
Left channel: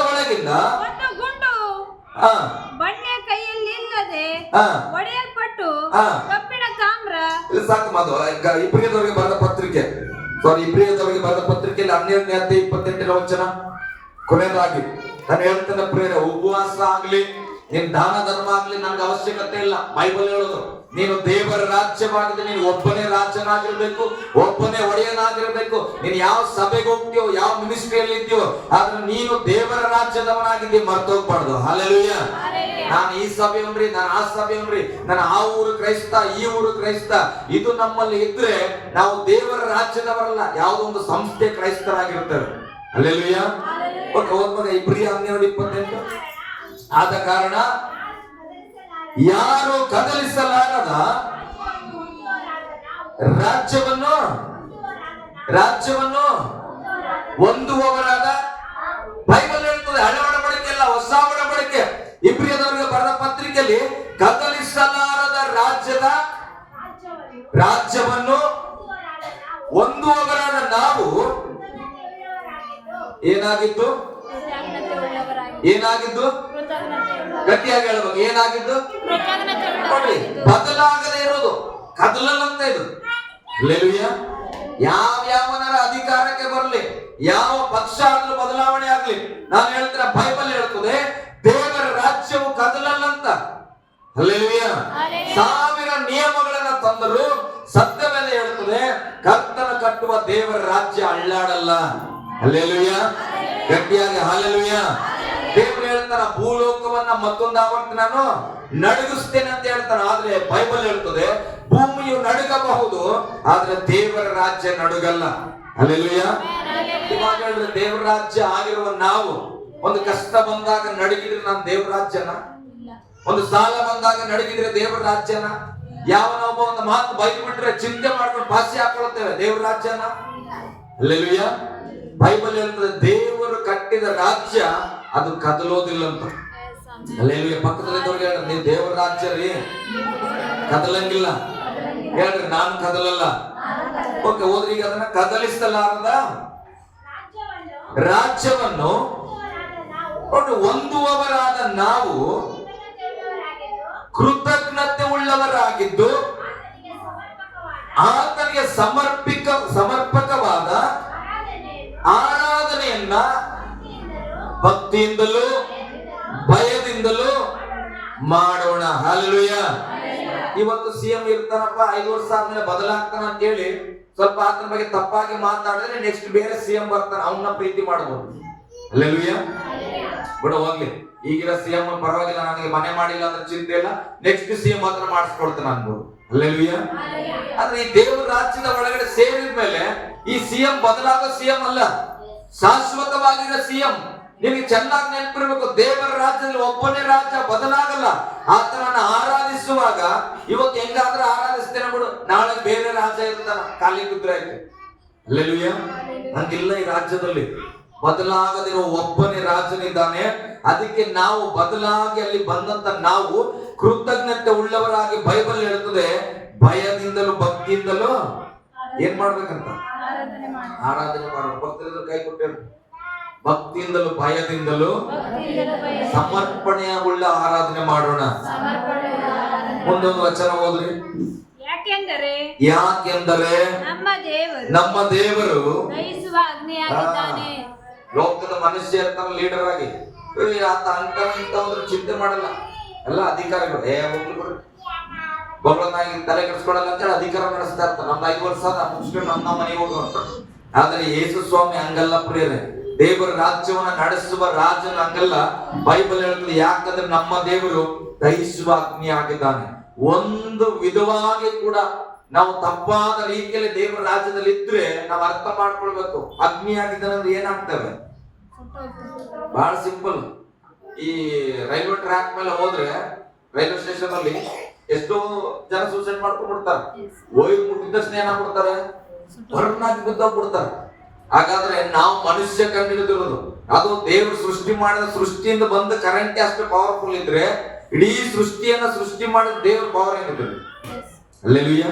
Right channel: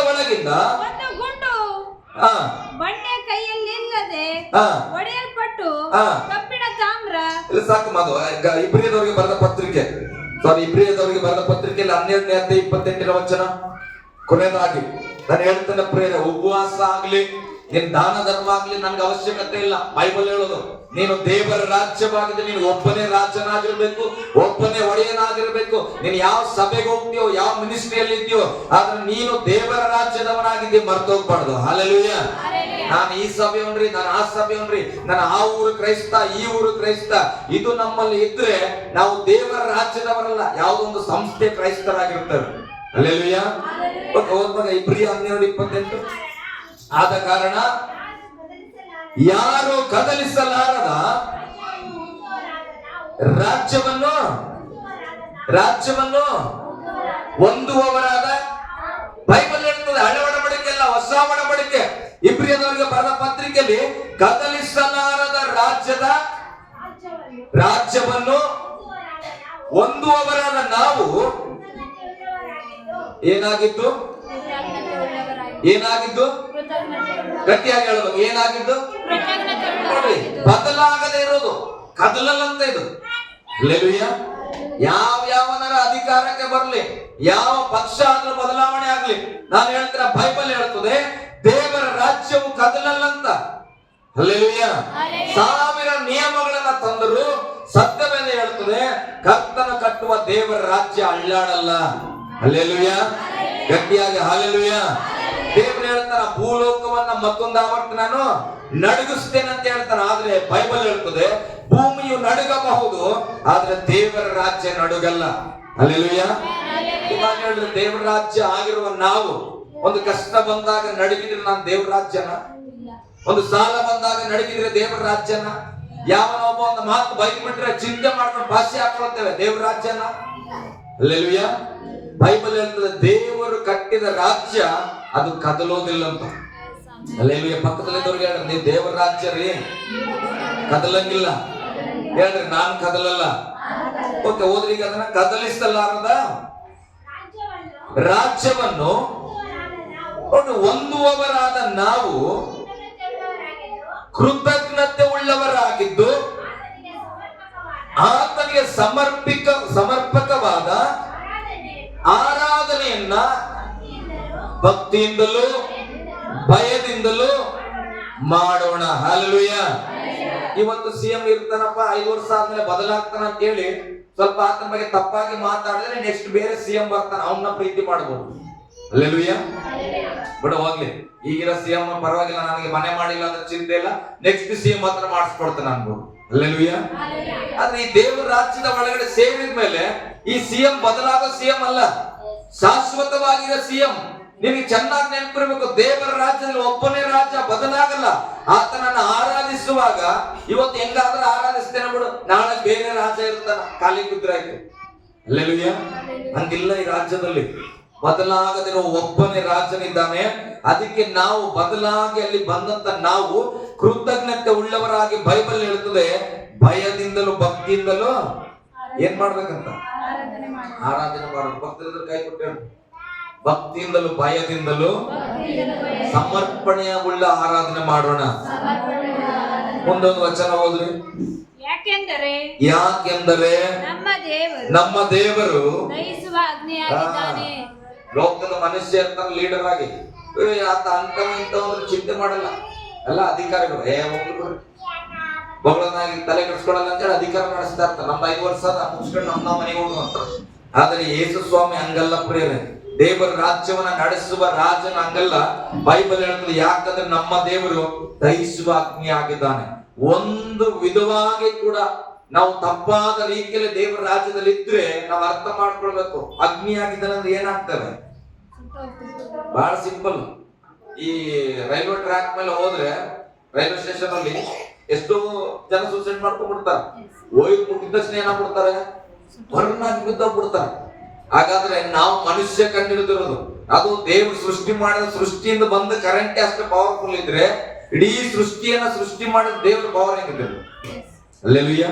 ಒಳಗಿಂದ ಒಂದು ಗುಂಡು ಬಂಡೆಯ ಕೈಯಲ್ಲಿ ಇಲ್ಲದೆ ಒಡೆಯಲ್ಪಟ್ಟು ಕಬ್ಬಿಣ ತಾಮ್ರ. ಸಾಕು ಮಾದು. ಇಬ್ರಿಯದವರಿಗೆ ಬರೆದ ಪತ್ರಿಕೆ, ಇಬ್ರಿಯದವರಿಗೆ ಬರೆದ ಪತ್ರಿಕೆಯಲ್ಲಿ 12ನೇ ಅಧ್ಯಾಯ 28ನೇ ವಚನ ಕೊನೆಯದಾಗಿ ನಾನು ಹೇಳ್ತೇನೆ ಪ್ರೇರೆ, ಉಪವಾಸ ಆಗ್ಲಿ, ನಿನ್ ದಾನ ಧರ್ಮ ಆಗ್ಲಿ ನನ್ಗೆ ಅವಶ್ಯಕತೆ ಇಲ್ಲ. ಬೈಬಲ್ ಹೇಳೋದು ನೀನು ದೇವರ ರಾಜ್ಯವಾಗಿದೆ, ನೀನು ಒಬ್ಬನೇ ರಾಜ್ಯನಾಗಿರ್ಬೇಕು, ಒಬ್ಬನೇ ಒಡೆಯನಾಗಿರ್ಬೇಕು. ನೀನು ಯಾವ ಸಭೆಗೆ ಹೋಗ್ತೀಯೋ, ಯಾವ ಮಿನಿಸ್ಟ್ರಿಯಲ್ಲಿ ಇದೆಯೋ, ಆದ್ರೆ ನೀನು ದೇವರ ರಾಜ್ಯದವನಾಗಿದ್ದಿ, ಮರ್ತೋಗ್ಬಾರ್ದು. ಹಲ್ಲೆಲೂಯ. ನಾನು ಈ ಸಭೆಯನ್ರಿ, ನಾನು ಆ ಸಭೆಯನ್ರಿ, ನಾನು ಆ ಊರು ಕ್ರೈಸ್ತ, ಈ ಊರು ಕ್ರೈಸ್ತ, ಇದು ನಮ್ಮಲ್ಲಿ ಇದ್ರೆ ನಾವು ದೇವರ ರಾಜ್ಯದವರಲ್ಲ, ಯಾವುದೊಂದು ಸಂಸ್ಥೆ ಕ್ರೈಸ್ತರಾಗಿರ್ತೇವೆ. ಹಲ್ಲೆಲೂಯ. ಓದ್ವಾಗ ಇಬ್ರಿಯ 12:28. ಆದ ಕಾರಣ ಯಾರು ಕದಲಿಸಲಾರದ ರಾಜ್ಯವನ್ನು ಹೊಂದುವವರಾದ, ಬೈಬಲ್ ಹೇಳ್ತದೆ, ಹಳೆ ಒಡಂಬಡಿಕೆ ಅಲ್ಲ, ಹೊಸ ಒಡಂಬಡಿಕೆ. ಇಬ್ರಿಯದವರಿಗೆ ಬರೆದ ಪತ್ರಿಕೆಯಲ್ಲಿ ಕದಲಿಸಲಾರದ ರಾಜ್ಯವನ್ನು ಹೊಂದುವವರಾದ ನಾವು ಏನಾಗಿದ್ದು ಗಟ್ಟಿಯಾಗಿ ಹೇಳ್ಬೇಕು. ಏನಾಗಿದ್ದು ನೋಡಿ, ಬದಲಾಗದೆ ಇರೋದು ಕದಲಲ್ಲಂತ ಇದು. ಹಲ್ಲೆಲೂಯ. ಯಾವನರ ಅಧಿಕಾರಕ್ಕೆ ಬರಲಿ, ಯಾವ ಪಕ್ಷ ಆದ್ರೂ ಬದಲಾವಣೆ ಆಗ್ಲಿ, ನಾನು ಹೇಳ್ತೀನಿ, ಬೈಬಲ್ ಹೇಳ್ತದೆ ದೇವರ ರಾಜ್ಯವು ಕದಲಲ್ಲಂತ. ಹಲ್ಲೆಲೂಯ. 1000 ನಿಯಮಗಳನ್ನ ತಂದರು, ಸತ್ಯವೇನೆ ಹೇಳ್ತದೆ ಕರ್ತನ ಕಟ್ಟುವ ದೇವರ ರಾಜ್ಯ ಅಳ್ಳಾಡಲ್ಲ. ಹಲ್ಲೆಲೂಯ. ಗಟ್ಟಿಯಾಗಿ ಹಲ್ಲೆಲೂಯ. ದೇವರು ಹೇಳ್ತಾರ, ಭೂಲೋಕವನ್ನ ಮತ್ತೊಂದು ಆವರ್ತಿ ನಾನು ನಡುಗಿಸ್ತೇನೆ ಅಂತ ಹೇಳ್ತಾನೆ. ಆದ್ರೆ ಬೈಬಲ್ ಹೇಳ್ತದೆ ಭೂಮಿಯು ನಡುಗಬಹುದು, ಆದ್ರೆ ದೇವರ ರಾಜ್ಯ ನಡುಗಲ್ಲ. ಹಲ್ಲೆಲೂಯ. ಇವಾಗ ಹೇಳಿದ್ರೆ ದೇವರ ರಾಜ್ಯ ಆಗಿರುವ ನಾವು ಒಂದು ಕಷ್ಟ ಬಂದಾಗ ನಡುಗಿದ್ರೆ ನಾನು ದೇವರ ರಾಜ್ಯನ? ಒಂದು ಸಾಲ ಬಂದಾಗ ನಡುಗಿದ್ರೆ ದೇವರ ರಾಜ್ಯನ? ಯಾವನೊಬ್ಬ ಒಂದು ಮಾತು ಬೈಕ್ ಬಿಟ್ರೆ ಚಿಂತೆ ಮಾಡ್ಕೊಂಡು ಭಾಷೆ ಹಾಕೊಳ್ತೇವೆ, ದೇವರ ರಾಜ್ಯನ? ಹಲ್ಲೆಲೂಯ. ಬೈಬಲ್ ಹೇಳ್ತದೆ ದೇವರು ಕಟ್ಟಿದ ರಾಜ್ಯ ಅದು ಕದಲೋದಿಲ್ಲ ಅಂತ. ಹಲ್ಲೆಲೂಯ. ಪಕ್ಕದಲ್ಲಿದ್ದವ್ರಿಗೆ ಹೇಳ್ರಿ, ನೀವು ದೇವರ ರಾಜ್ಯ ರೀ, ಕದಲಂಗಿಲ್ಲ. ಹೇಳ್ರಿ, ನಾನು ಕದಲಲ್ಲ. ಓಕೆ, ಹೋದ್ರಿ. ಈಗ ಅದನ್ನ ಕದಲಿಸಲಾರದ ರಾಜ್ಯವನ್ನು ಹೊಂದುವವರಾದ ನಾವು ಕೃತಜ್ಞತೆ ಉಳ್ಳವರಾಗಿದ್ದು ಆತನಿಗೆ ಸಮರ್ಪಕವಾದ ಆರಾಧನೆಯನ್ನ ಭಕ್ತಿಯಿಂದಲೂ ಭಯದಿಂದಲೂ ಮಾಡೋಣ. ಹಲ್ಲೆಲೂಯ. ಇವತ್ತು ಸಿಎಂ ಇರ್ತಾನಪ್ಪ, 5 ವರ್ಷ ಆದ್ಮೇಲೆ ಬದಲಾಗ್ತಾನ ಅಂತ ಹೇಳಿ ಸ್ವಲ್ಪ ಆತನ ಬಗ್ಗೆ ತಪ್ಪಾಗಿ ಮಾತಾಡಿದ್ರೆ ನೆಕ್ಸ್ಟ್ ಬೇರೆ ಸಿಎಂ ಬರ್ತಾನ, ಅವನ್ನ ಪ್ರೀತಿ ಮಾಡಬಹುದು. ಹಲ್ಲೆಲೂಯ. ಬಿಡ ಹೋಗ್ಲಿ, ಈಗಿರೋ ಸಿಎಂ ಪರವಾಗಿಲ್ಲ, ನನಗೆ ಮನೆ ಮಾಡಿಲ್ಲ ಅಂದ್ರೆ ಚಿಂತೆ ಇಲ್ಲ, ನೆಕ್ಸ್ಟ್ ಸಿಎಂ ಮಾತ್ರ ಮಾಡಿಸ್ಕೊಡ್ತಾನೆ ಅನ್ಬೋದು. ಹಲ್ಲೆಲೂಯ. ಆದ್ರೆ ಈ ದೇವರ ರಾಜ್ಯದ ಒಳಗಡೆ ಸೇರಿದ ಮೇಲೆ ಈ ಸಿಎಂ ಬದಲಾಗೋ ಸಿಎಂ ಅಲ್ಲ, ಶಾಶ್ವತವಾಗಿರೋ ಸಿಎಂ. ನಿನಗೆ ಚೆನ್ನಾಗಿ ನೆನಪಿರ್ಬೇಕು, ದೇವರ ರಾಜ್ಯದಲ್ಲಿ ಒಬ್ಬನೇ ರಾಜ್ಯ ಬದಲಾಗಲ್ಲ. ಆತನನ್ನ ಆರಾಧಿಸುವಾಗ ಇವತ್ತು ಹೆಂಗಾದ್ರೆ ಆರಾಧಿಸ್ತೇನೆ ಬಿಡು, ನಾಳೆ ಬೇರೆ ರಾಜ್ಯ ಇರ್ತಾನ, ಖಾಲಿ ಬಿದ್ರಾಯ್ತು. ಹಲ್ಲೆಲೂಯ. ಹಂಗಿಲ್ಲ, ಈ ರಾಜ್ಯದಲ್ಲಿ ಬದಲಾಗದಿರೋ ಒಬ್ಬನೇ ರಾಜನಿದ್ದಾನೆ. ಅದಕ್ಕೆ ನಾವು ಬದಲಾಗಿ ಅಲ್ಲಿ ಬಂದಂತ ನಾವು ಕೃತಜ್ಞತೆ ಉಳ್ಳವರಾಗಿ, ಬೈಬಲ್ ಹೇಳ್ತದೆ ಭಯದಿಂದಲೂ ಭಕ್ತಿಯಿಂದಲೂ ಏನ್ ಮಾಡ್ಬೇಕಂತ? ಆರಾಧನೆ ಮಾಡಬೇಕು. ಭಕ್ತರಿದ್ರು ಕೈ ಕೊಟ್ಟು, ಭಕ್ತಿಯಿಂದಲೂ ಭಯದಿಂದಲೂ ಸಮರ್ಪಣೆಯ ಉಳ್ಳ ಆರಾಧನೆ ಮಾಡೋಣ. ಮುಂದೊಂದು ವಚನ ಓದ್ರಿ. ಯಾಕೆಂದರೆ ನಮ್ಮ ದೇವರು ದಹಿಸುವ ಅಗ್ನಿಯಾಗಿದ್ದಾನೆ. ಲೋಕದ ಮನುಷ್ಯ ಇರ್ತಾನೆ ಲೀಡರ್ ಆಗಿ, ಆತ ಅಂತ ಇಂಥವ್ರು ಚಿಂತೆ ಮಾಡಲ್ಲ. ಎಲ್ಲ ಅಧಿಕಾರಿಗಳು ಬಗಳನ್ನಾಗಿ ತಲೆ ಕೆಡಿಸ್ಕೊಳಲ್ಲ ಅಂತೇಳಿ ಅಧಿಕಾರ ನಡೆಸ್ತಾ ಇರ್ತಾರೆ. ನಮ್ದು 5 ವರ್ಷ ಮುಗಿಸ್ಕೊಂಡು ನಮ್ಮ ಮನೆಗೆ ಹೋಗುವಂತ. ಆದ್ರೆ ಯೇಸು ಸ್ವಾಮಿ ಹಂಗಲ್ಲ ಪ್ರಿಯರೇ, ದೇವರ ರಾಜ್ಯವನ್ನ ನಡೆಸುವ ರಾಜನ ಹಂಗಲ್ಲ. ಬೈಬಲ್ ಹೇಳ್ತದೆ, ಯಾಕಂದ್ರೆ ನಮ್ಮ ದೇವರು ದಹಿಸುವ ಅಗ್ನಿ ಆಗಿದ್ದಾನೆ. ಒಂದು ವಿಧವಾಗಿ ಕೂಡ ನಾವು ತಪ್ಪಾದ ರೀತಿಯಲ್ಲಿ ದೇವರ ರಾಜ್ಯದಲ್ಲಿ ಇದ್ರೆ ನಾವು ಅರ್ಥ ಮಾಡ್ಕೊಳ್ಬೇಕು, ಅಗ್ನಿ ಆಗಿದ್ದಾನೆ ಅಂದ್ರೆ ಏನಾಗ್ತವೆ. ಬಹಳ ಸಿಂಪಲ್. ಈ ರೈಲ್ವೆ ಟ್ರ್ಯಾಕ್ ಮೇಲೆ ಹೋದ್ರೆ, ರೈಲ್ವೆ ಸ್ಟೇಷನ್ ಅಲ್ಲಿ ಎಷ್ಟೋ ಜನ ಸೂಸೈಡ್ ಮಾಡ್ಕೊಂಡ್ಬಿಡ್ತಾರೆ. ಹೋಗಿ ಮುಗಿದ ತಕ್ಷಣ ಏನಾಗ್ಬಿಡ್ತಾರೆ, ಹೊರನಾಗಿ ಬಿದ್ದೋಗ್ಬಿಡ್ತಾರೆ. ಹಾಗಾದ್ರೆ ನಾವು ಮನುಷ್ಯ ಕಂಡಿಡಿದಿರೋದು, ಅದು ದೇವರು ಸೃಷ್ಟಿ ಮಾಡಿದ ಸೃಷ್ಟಿಯಿಂದ ಬಂದ ಕರೆಂಟ್ ಅಷ್ಟು ಪವರ್ಫುಲ್ ಇದ್ರೆ ಇಡೀ ಸೃಷ್ಟಿಯನ್ನ ಸೃಷ್ಟಿ ಮಾಡಿದ ದೇವ್ರ ಪವರ್ ಏನಿದೆ. ಹಲ್ಲೆಲೂಯ.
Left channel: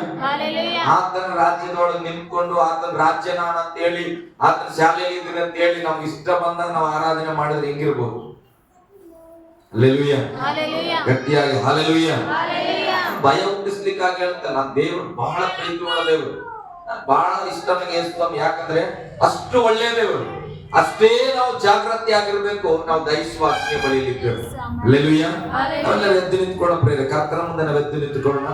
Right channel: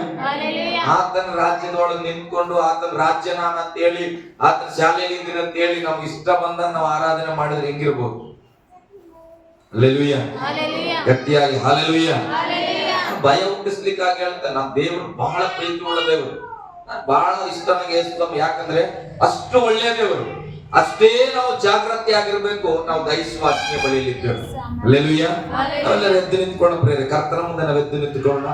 ಆತನ ರಾಜ್ಯದೊಳಗೆ ನಿಂತ್ಕೊಂಡು ಆತನ ರಾಜ್ಯ ನಾನು ಅಂತ ಹೇಳಿ, ಆತನ ಶಾಲೆಯಲ್ಲಿ ಇದ್ದೀರಿ ಅಂತ ಹೇಳಿ ನಮ್ಗೆ ಇಷ್ಟ ಬಂದಾಗ ನಾವು ಆರಾಧನೆ ಮಾಡಿದ್ರೆ ಹೆಂಗಿರ್ಬೋದು. ಹಲ್ಲೆಲೂಯ. ಗಟ್ಟಿಯಾಗಿ ಹಲ್ಲೆಲೂಯ. ಭಯ ಹುಟ್ಟಿಸ್ಲಿಕ್ಕಾಗಿ ಹೇಳ್ತಾರೆ, ನಮ್ಮ ದೇವರು ಬಹಳ ಪ್ರೀತಿ ಉಳ್ಳ ದೇವರು, ಬಹಳ ಇಷ್ಟ ನನಗೆ. ಯಾಕಂದ್ರೆ ಅಷ್ಟು ಒಳ್ಳೆಯ ದೇವರು. ಅಷ್ಟೇ ನಾವು ಜಾಗೃತಿ ಆಗಿರ್ಬೇಕು. ನಾವು ದೈವಾಜ್ಞೆ ಬಳಿಯಲಿದ್ದೇವೆ. ಹಲ್ಲೆಲೂಯಾ. ನಾವೆಲ್ಲರೂ ಎದ್ದು ನಿಂತ್ಕೊಳ್ಳೋಣ ಪ್ರೇರೆ. ಕರ್ತನ ಮುಂದೆ ನಾವು ಎದ್ದು ನಿಂತ್ಕೊಳ್ಳೋಣ.